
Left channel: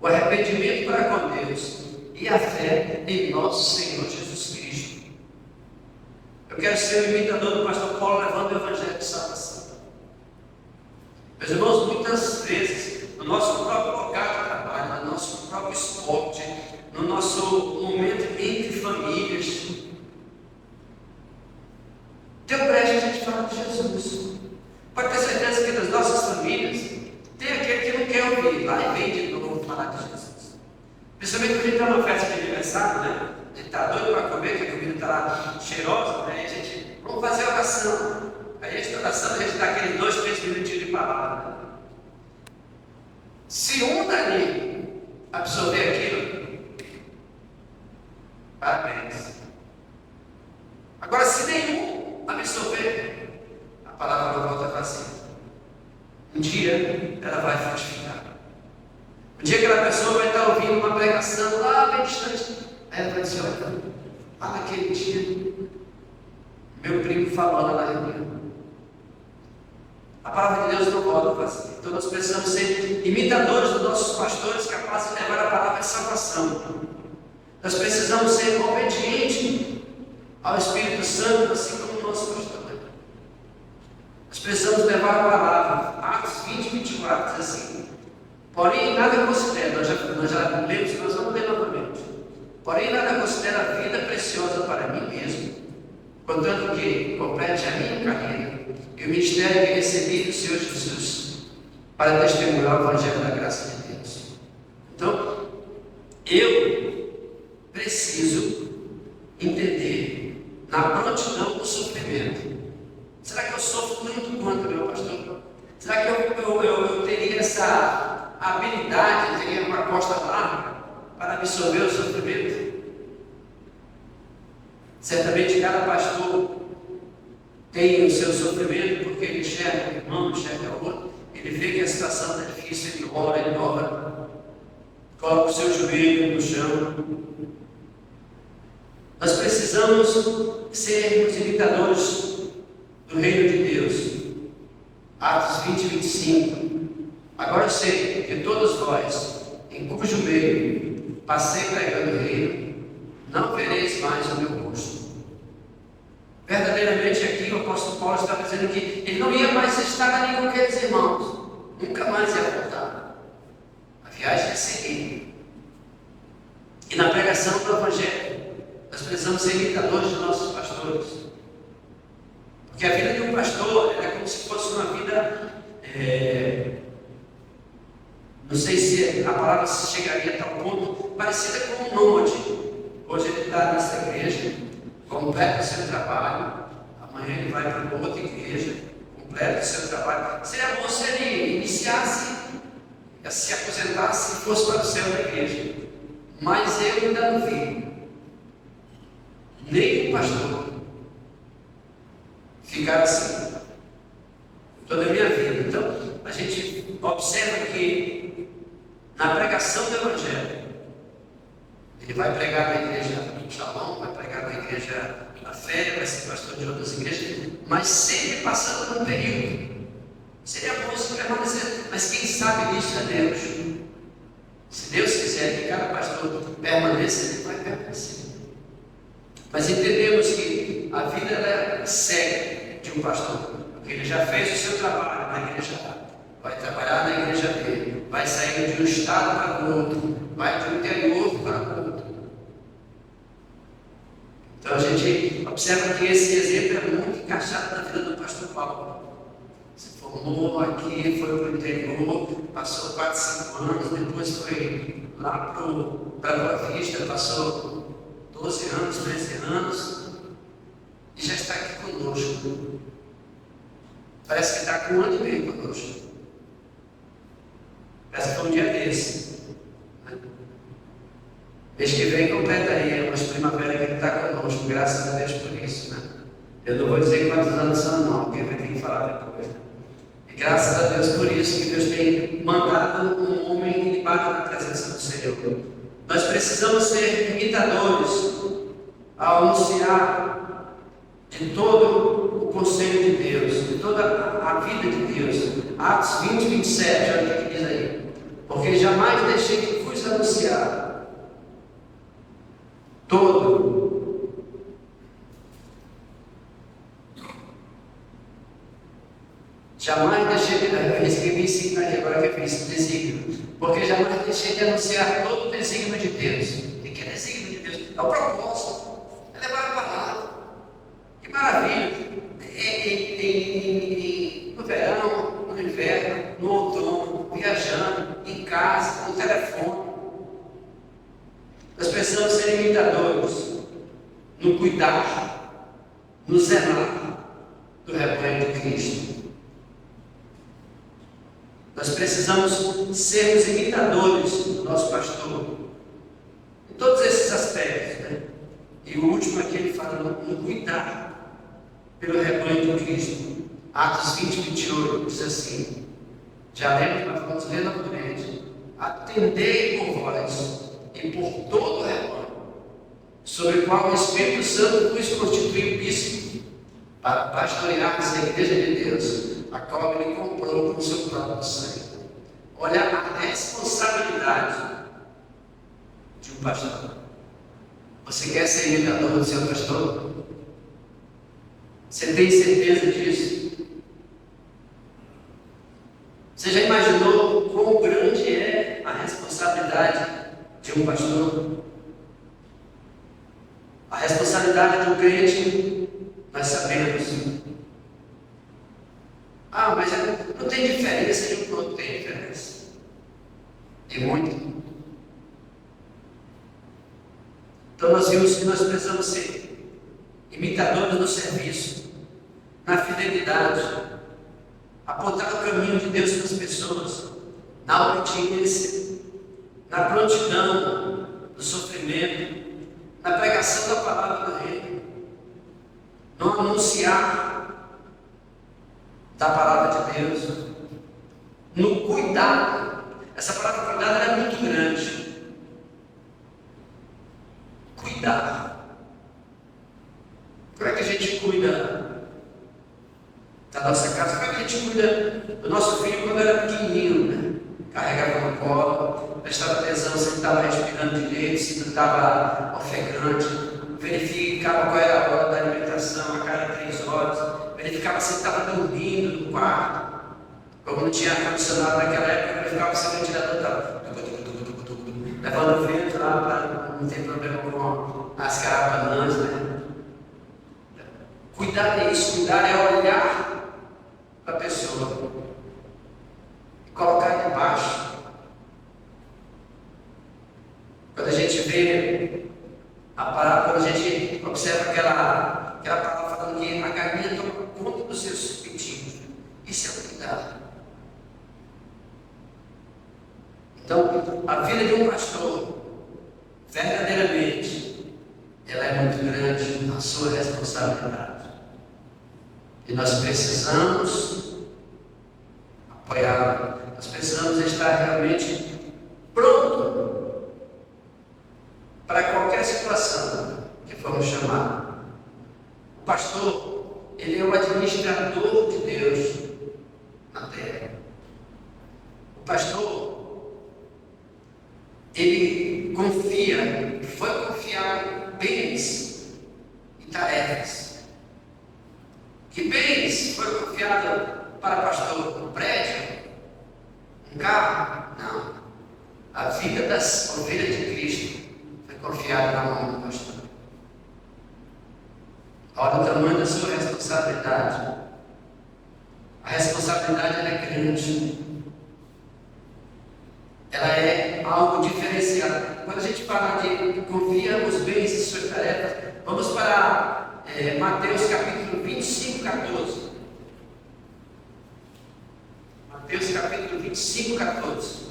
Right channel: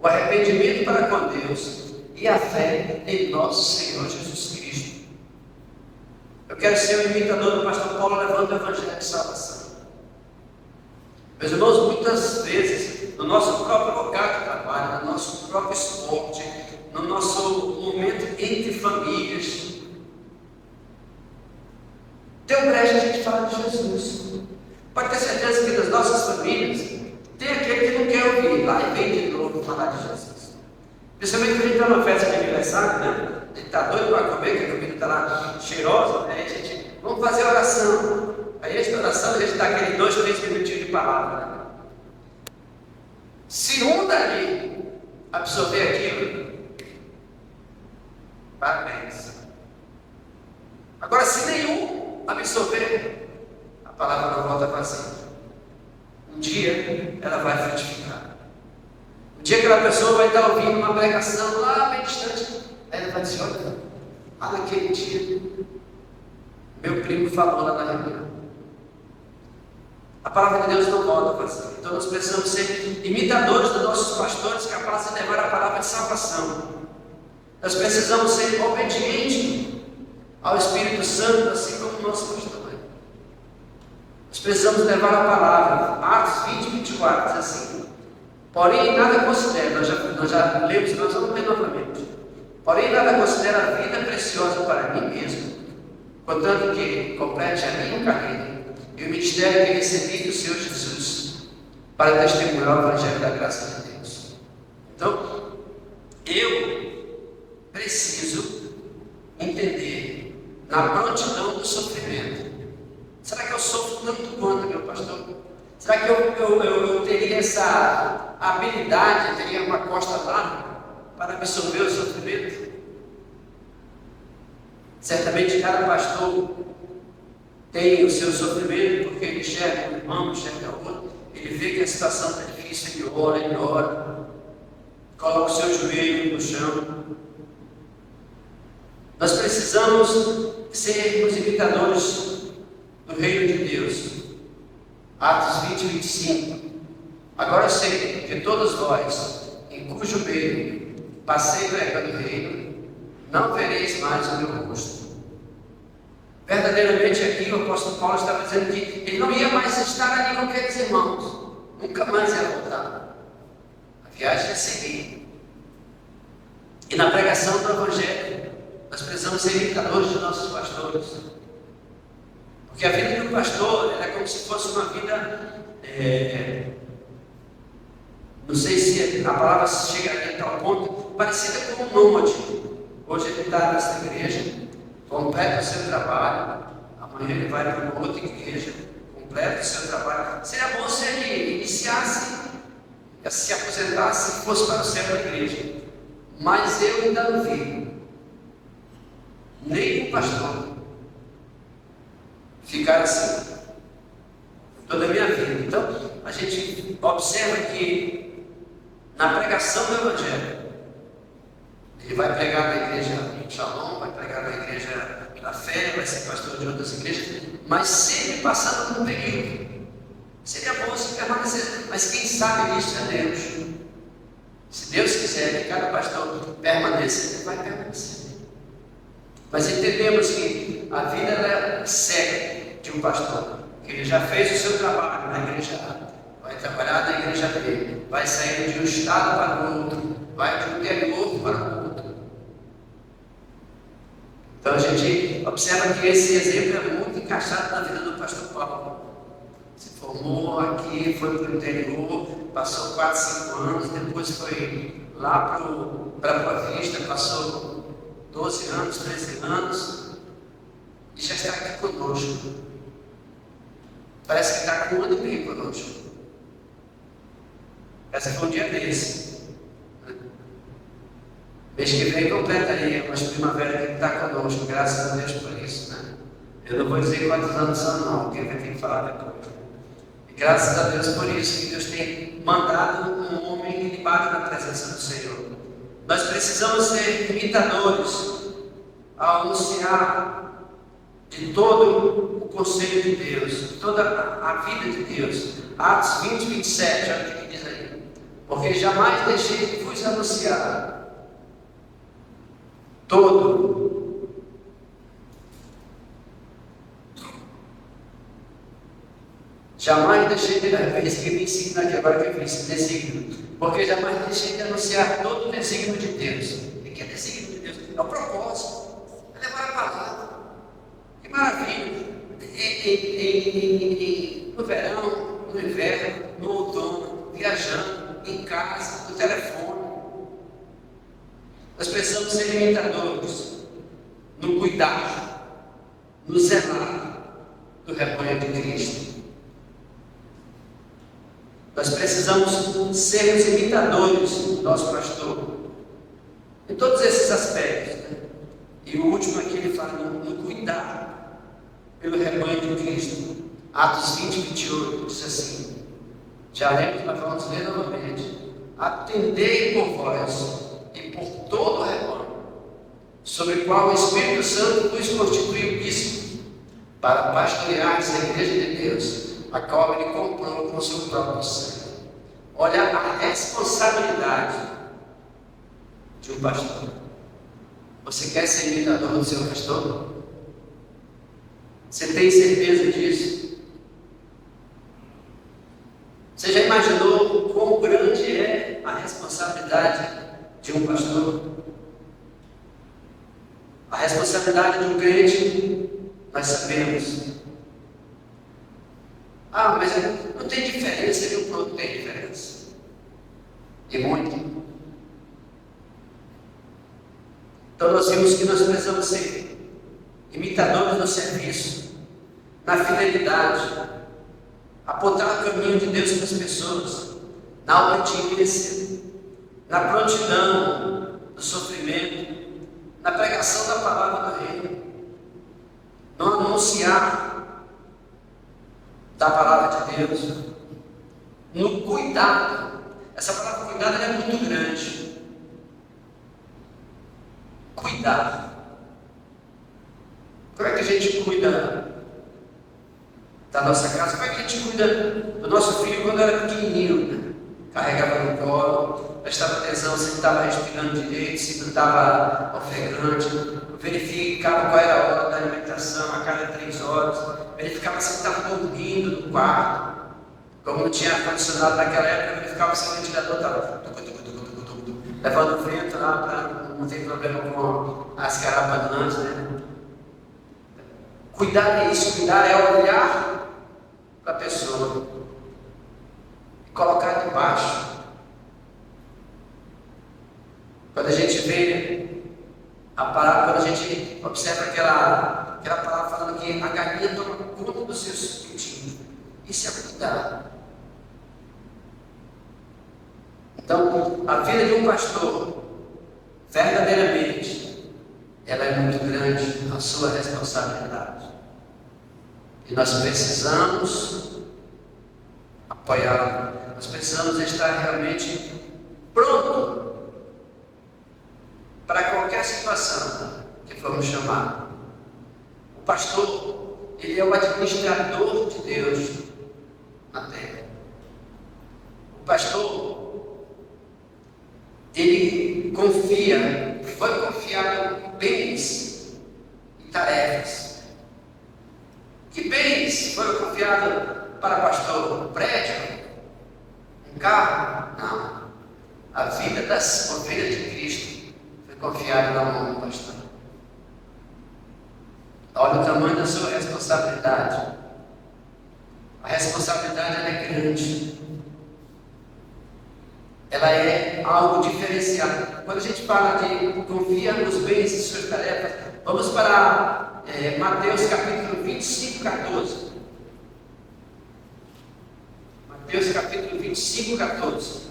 o arrependimento para com Deus e a fé em nosso Senhor Jesus Cristo. Eu quero ser um imitador do pastor Paulo levando o evangelho de salvação. Meus irmãos, muitas vezes, no nosso próprio local de trabalho, no nosso próprio esporte, no nosso momento entre famílias, tem um brecha a gente fala de Jesus. Pode ter certeza que das nossas famílias, tem aquele que não quer ouvir, lá e vem de novo falar de Jesus. Principalmente quando a gente está numa festa de aniversário, né? A gente está doido para comer, que a comida está lá cheirosa, né? A gente, vamos fazer oração. Aí a oração, a gente dá aquele 2, 3 minutinhos de palavra. Né? Se um dali absorver aquilo, parabéns. Agora, se nenhum absorver, a palavra não volta vazia. Um dia ela vai frutificar. Um dia aquela pessoa vai estar ouvindo uma pregação lá bem distante. Aí ela vai dizer: olha, lá naquele dia, meu primo falou lá na reunião. A palavra de Deus não volta vazia. Então nós precisamos ser imitadores dos nossos pastores, capazes de levar a palavra de salvação. Nós precisamos ser obedientes ao Espírito Santo, assim como o nosso pastor. Nós precisamos levar a palavra. Atos 20, 24 diz assim: porém nada considera, nós já lemos, nós vamos ler novamente. Porém nada considera a vida preciosa para mim mesmo, contanto que complete a minha carreira e o ministério que recebi do Senhor Jesus, para testemunhar o Evangelho da graça de Deus. Então, eu preciso entender na prontidão do sofrimento. Será que eu sofro tanto quanto, meu pastor? Será que eu teria essa habilidade, teria uma costa larga para absorver o sofrimento? Certamente cada pastor tem o seu sofrimento, porque ele enxerga um irmão, enxerga o outro, ele vê que a situação está difícil, ele ora, coloca o seu joelho no chão. Nós precisamos sermos imitadores do reino de Deus. Atos 20, 25. Agora eu sei que todos vós, em cujo meio passei pregando o reino, não vereis mais o meu rosto. Verdadeiramente aqui o apóstolo Paulo estava dizendo que ele não ia mais estar ali com aqueles irmãos, nunca mais ia voltar. A viagem ia seguir. E na pregação do Evangelho, nós precisamos ser imitadores dos nossos pastores. Porque a vida de um pastor é como se fosse uma vida, não sei se a palavra chegaria a tal ponto, parecida com um nômade. Hoje ele está nessa igreja, completa o seu trabalho, amanhã ele vai para uma outra igreja, completa o seu trabalho. Seria bom se ele iniciasse, se aposentasse e fosse para o céu da igreja. Mas eu ainda não vi nem o pastor ficar assim toda a minha vida. Então, a gente observa que na pregação do Evangelho, ele vai pregar na igreja Shalom, vai pregar na igreja da Fé, vai ser pastor de outras igrejas, mas sempre passando por um período. Seria bom se permanecer, mas quem sabe disso é Deus. Se Deus quiser que cada pastor permaneça, ele vai permanecer. Mas entendemos que a vida ela segue de um pastor. Ele já fez o seu trabalho na igreja A, vai trabalhar na igreja B, vai sair de um estado para o outro, vai de um interior para o outro. Então a gente observa que esse exemplo é muito encaixado na vida do pastor Paulo. Se formou aqui, foi para o interior, passou 4, 5 anos, depois foi lá para a Boa Vista, passou 12 anos, 13 anos, e já está aqui conosco. Parece que está com um ano e meio conosco. Essa foi um dia desse. Mês que vem completa aí, mas primavera que está conosco, graças a Deus por isso. Né? Eu não vou dizer quantos anos são, não, porque vai ter que falar depois. E graças a Deus por isso, que Deus tem mandado um homem ilibado na presença do Senhor. Nós precisamos ser imitadores ao anunciar de todo o conselho de Deus, de toda a vida de Deus, Atos 20, 27, olha o que diz aí. Porque jamais deixei de vos anunciar todo. Jamais deixei de escrever ensino aqui, agora que eu fiz desígnio. Porque jamais deixei de anunciar todo o desígnio de Deus. O que é desígnio de Deus? É o propósito. É levar a palavra. Que maravilha. No verão, no inverno, no outono, viajando, em casa, no telefone. Nós precisamos ser imitadores no cuidar, no zelar do rebanho de Cristo. Nós precisamos ser os imitadores do nosso pastor em todos esses aspectos, né? E o último aqui ele fala no cuidar pelo rebanho de Cristo. Atos 20, 28 diz assim: já lembro, mas vamos ler novamente. Atendei por vós e por todo o rebanho, sobre o qual o Espírito Santo vos constituiu bispo, para pastorear a igreja de Deus, a qual ele comprou com o seu próprio sangue. Olha a responsabilidade de um pastor. Você quer ser imitador do seu pastor? Você tem certeza disso? Você já imaginou quão grande é a responsabilidade de um pastor? A responsabilidade de um crente, nós sabemos. Ah, mas não tem diferença de um para outro, tem diferença. E muito. Então nós vimos que nós precisamos ser imitadores no serviço, na fidelidade, apontar o caminho de Deus para as pessoas, na obediência, na prontidão do sofrimento, na pregação da palavra do Reino, não anunciar da palavra de Deus, no cuidado. Essa palavra cuidado é muito grande. Cuidar. Como é que a gente cuida da nossa casa? Como é que a gente cuida do nosso filho quando era pequenininho? Né? Carregava no colo, prestava atenção se ele estava respirando direito, se ele estava ofegante, verificava qual era a hora da alimentação a cada 3 horas, verificava se ele estava dormindo no quarto. Como não tinha ar-condicionado naquela época, verificava se o ventilador estava levando o vento lá para não ter problema com as garrafas, né? Cuidar é isso, cuidar é olhar para a pessoa e colocar debaixo. Quando a gente vê a palavra, quando a gente observa aquela palavra falando que a galinha toma conta dos seus pintinhos, isso é cuidar. Então, a vida de um pastor, verdadeiramente, ela é muito grande, a sua responsabilidade. E nós precisamos apoiá-lo, nós precisamos estar realmente pronto para qualquer situação que formos chamar. O pastor, ele é o administrador de Deus na terra. O pastor, ele confia, foi confiado bens e tarefas. Que bens foi confiado para pastor? Um prédio? Um carro? Não. A vida das ovelhas de Cristo foi confiada na mão do pastor. Olha o tamanho da sua responsabilidade. A responsabilidade ela é grande. Ela é algo diferenciado. Quando a gente fala de confiar nos bens e suas tarefas, vamos para Mateus capítulo 25, 14. Mateus capítulo 25, 14.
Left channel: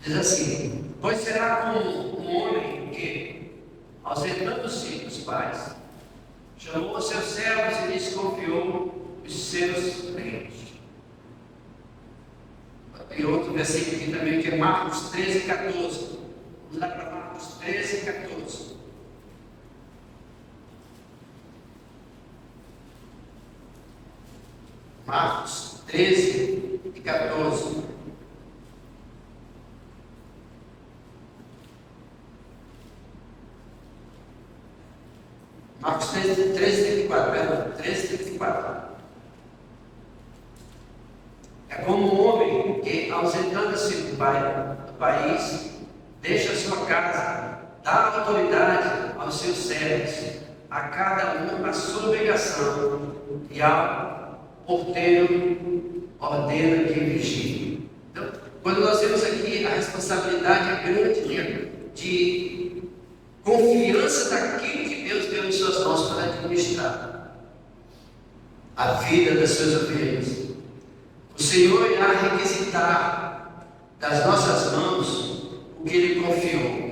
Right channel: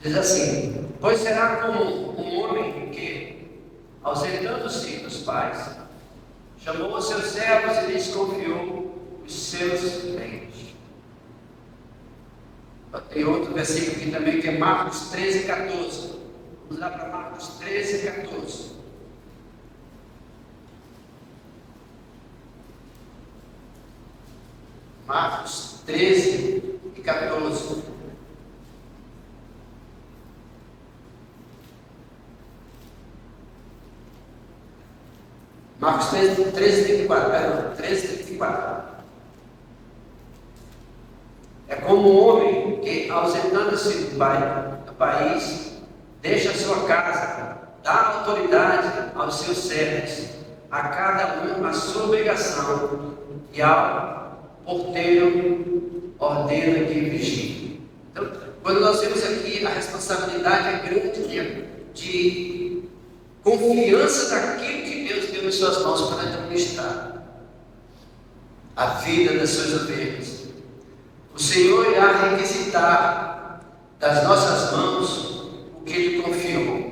Diz assim: pois será como um homem que, ausentando-se dos pais, chamou os seus servos e lhes confiou os seus bens. Tem outro versículo aqui também, que é Marcos 13, 14. Vamos lá para Marcos 13, 14. Marcos 13 e 14. Marcos 13, 34, perdão, 13, 34. É como um homem que, ausentando-se do país, deixa sua casa, dá autoridade aos seus servos, a cada um a sua obrigação, e ao porteiro ordena que vigie. Então, quando nós vemos aqui, a responsabilidade é grande de confiança daquilo que Deus deu em suas mãos para administrar a vida das suas ovelhas. O Senhor irá requisitar das nossas mãos o que Ele confiou.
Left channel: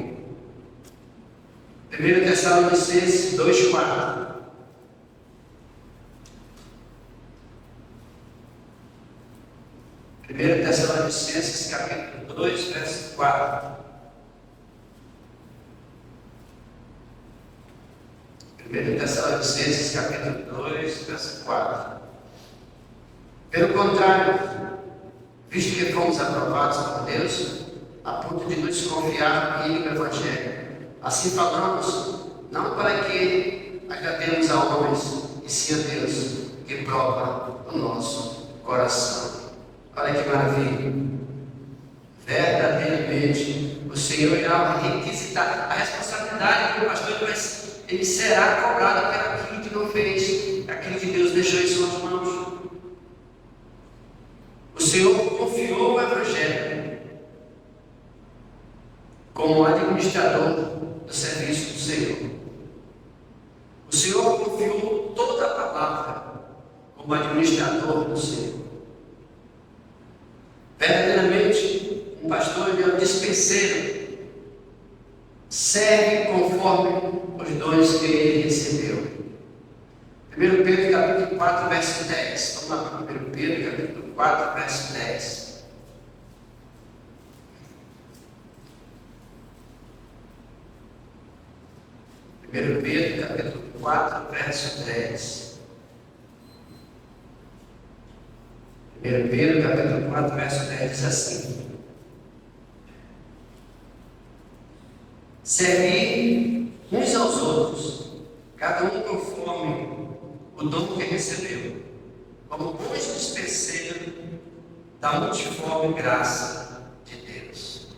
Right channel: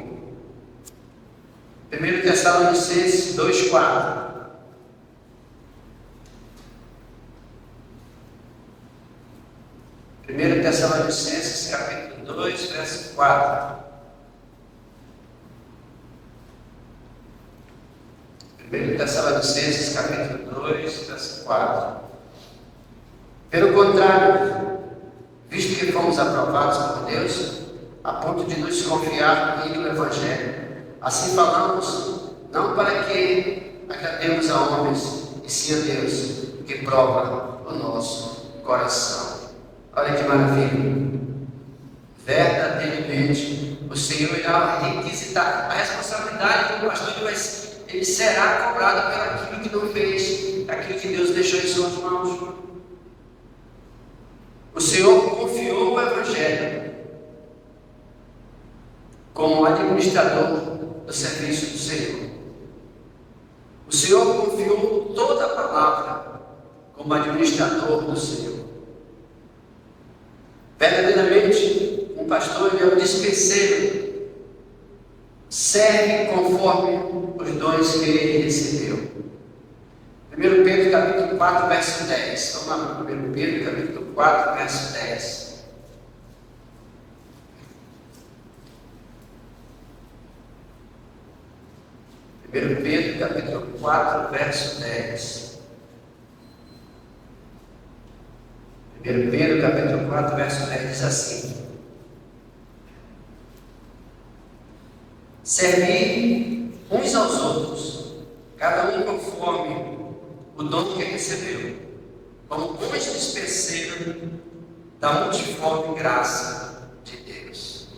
1 Tessalonicenses 2,4. 1 Tessalonicenses capítulo 2, verso 4. 1 Tessalonicenses capítulo 2, verso 4. Pelo contrário, visto que fomos aprovados por Deus, a ponto de nos confiar no Evangelho, assim falamos, não para que agrademos a homens, e sim a Deus, que prova o nosso coração. Olha que maravilha! Verdadeiramente, o Senhor irá requisitar a responsabilidade do pastor, ele será cobrado por aquilo que não fez, aquilo que Deus deixou em suas mãos. O Senhor confiou o Evangelho como administrador do serviço do Senhor. O Senhor confiou toda a palavra como administrador do Senhor. Verdadeiramente, um pastor é um dispenseiro, serve conforme os dons que ele recebeu. 1 Pedro capítulo 4, verso 10. Vamos lá, 1 Pedro capítulo 4, verso 10. Pedro capítulo 4, verso 10. 1 Pedro capítulo 4, verso 10 diz assim: servi uns aos outros, cada um conforme o dom que recebeu, como bons dispenseiros da multiforme graça de Deus.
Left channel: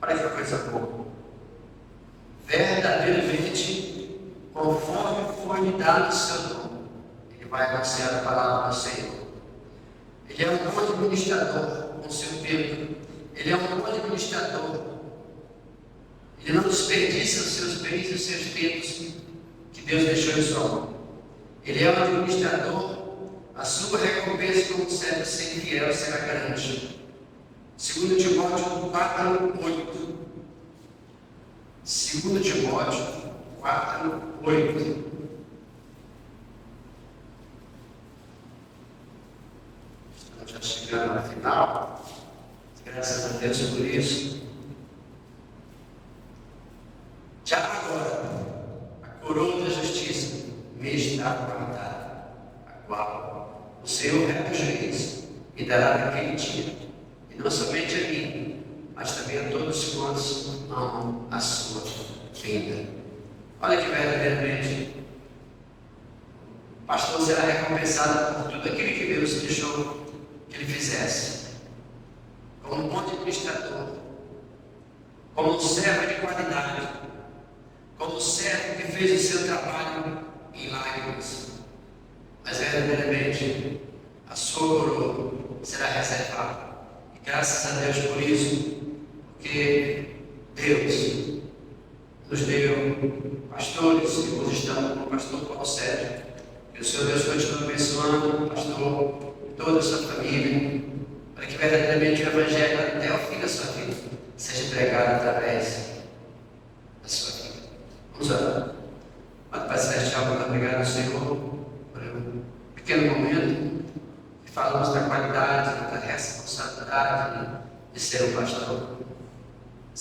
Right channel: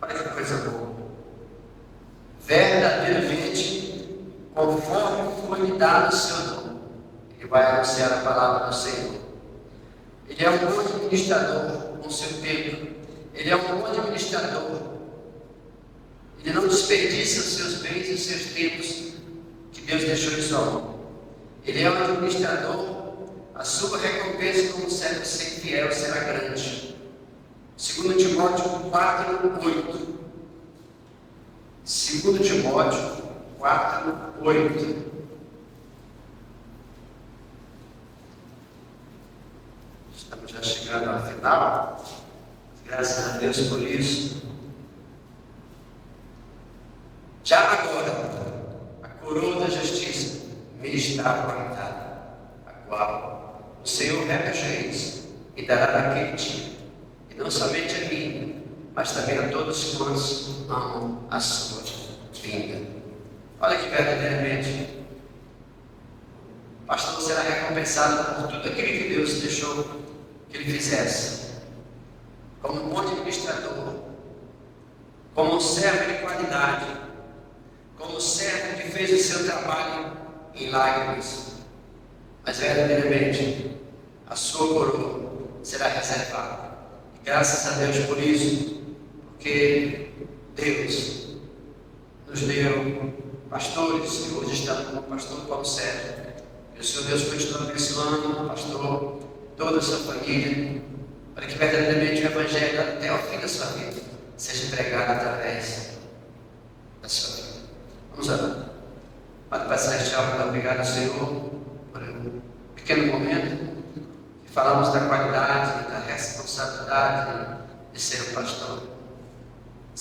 Olha que coisa boa. Verdadeiramente, conforme foi lhe dado o seu dom, ele vai anunciar a palavra do Senhor. Ele é um bom administrador com seu tempo. Ele é um bom administrador. Ele não desperdiça os seus bens e os seus tempos que Deus deixou em sua mão. Ele é um administrador. A sua recompensa como servo sem fiel será grande. 2 Timóteo 4, 8. 2 Timóteo 4, 8. Estamos já chegando ao final. Graças a Deus por isso. Já agora, a coroa da justiça me está apontada, a qual o Senhor repreende e dará naquele dia, e não somente a mim, mas também a todos quantos amam a sua vinda. Olha que verdadeiramente o pastor será recompensado por tudo aquilo que Deus deixou que ele fizesse, como um bom administrador, como um servo de qualidade, como um servo que fez o seu trabalho em lágrimas, mas verdadeiramente a sua coroa será reservada. E graças a Deus por isso, porque Deus nos deu pastores que hoje estão como o pastor Paulo Sérgio. Que o Senhor Deus continue abençoando o pastor, toda a sua família, para que verdadeiramente o Evangelho até o fim da sua vida seja pregado através da sua vida. Vamos orar. Pai Celestial, muito obrigado ao Senhor por um pequeno momento que falamos da qualidade, da responsabilidade de ser um pastor.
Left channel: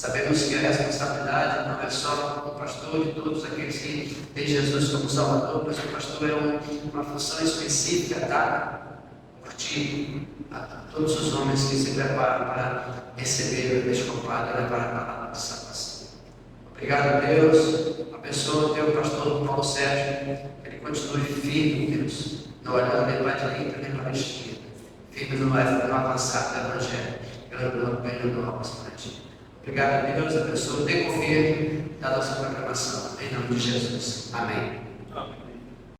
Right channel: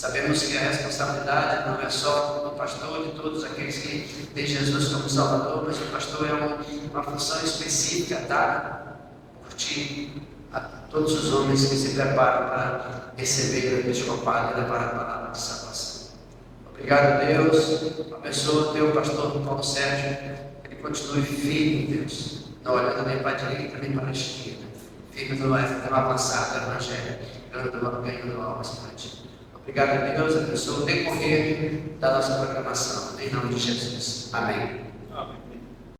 Sabemos que a responsabilidade não é só do pastor e de todos aqueles que têm Jesus como Salvador, mas o pastor é uma função específica dada por ti a todos os homens que se preparam para receber o episcopado e levar a palavra de salvação. Obrigado, Deus. Abençoa o teu pastor Paulo Sérgio, que ele continue firme, Deus, não olhando nem para a direita nem para a esquerda, firme no avançar do Evangelho, ganhando almas para ti. Obrigado, Deus, abençoa o decorrer da nossa programação. Em nome de Jesus. Amém.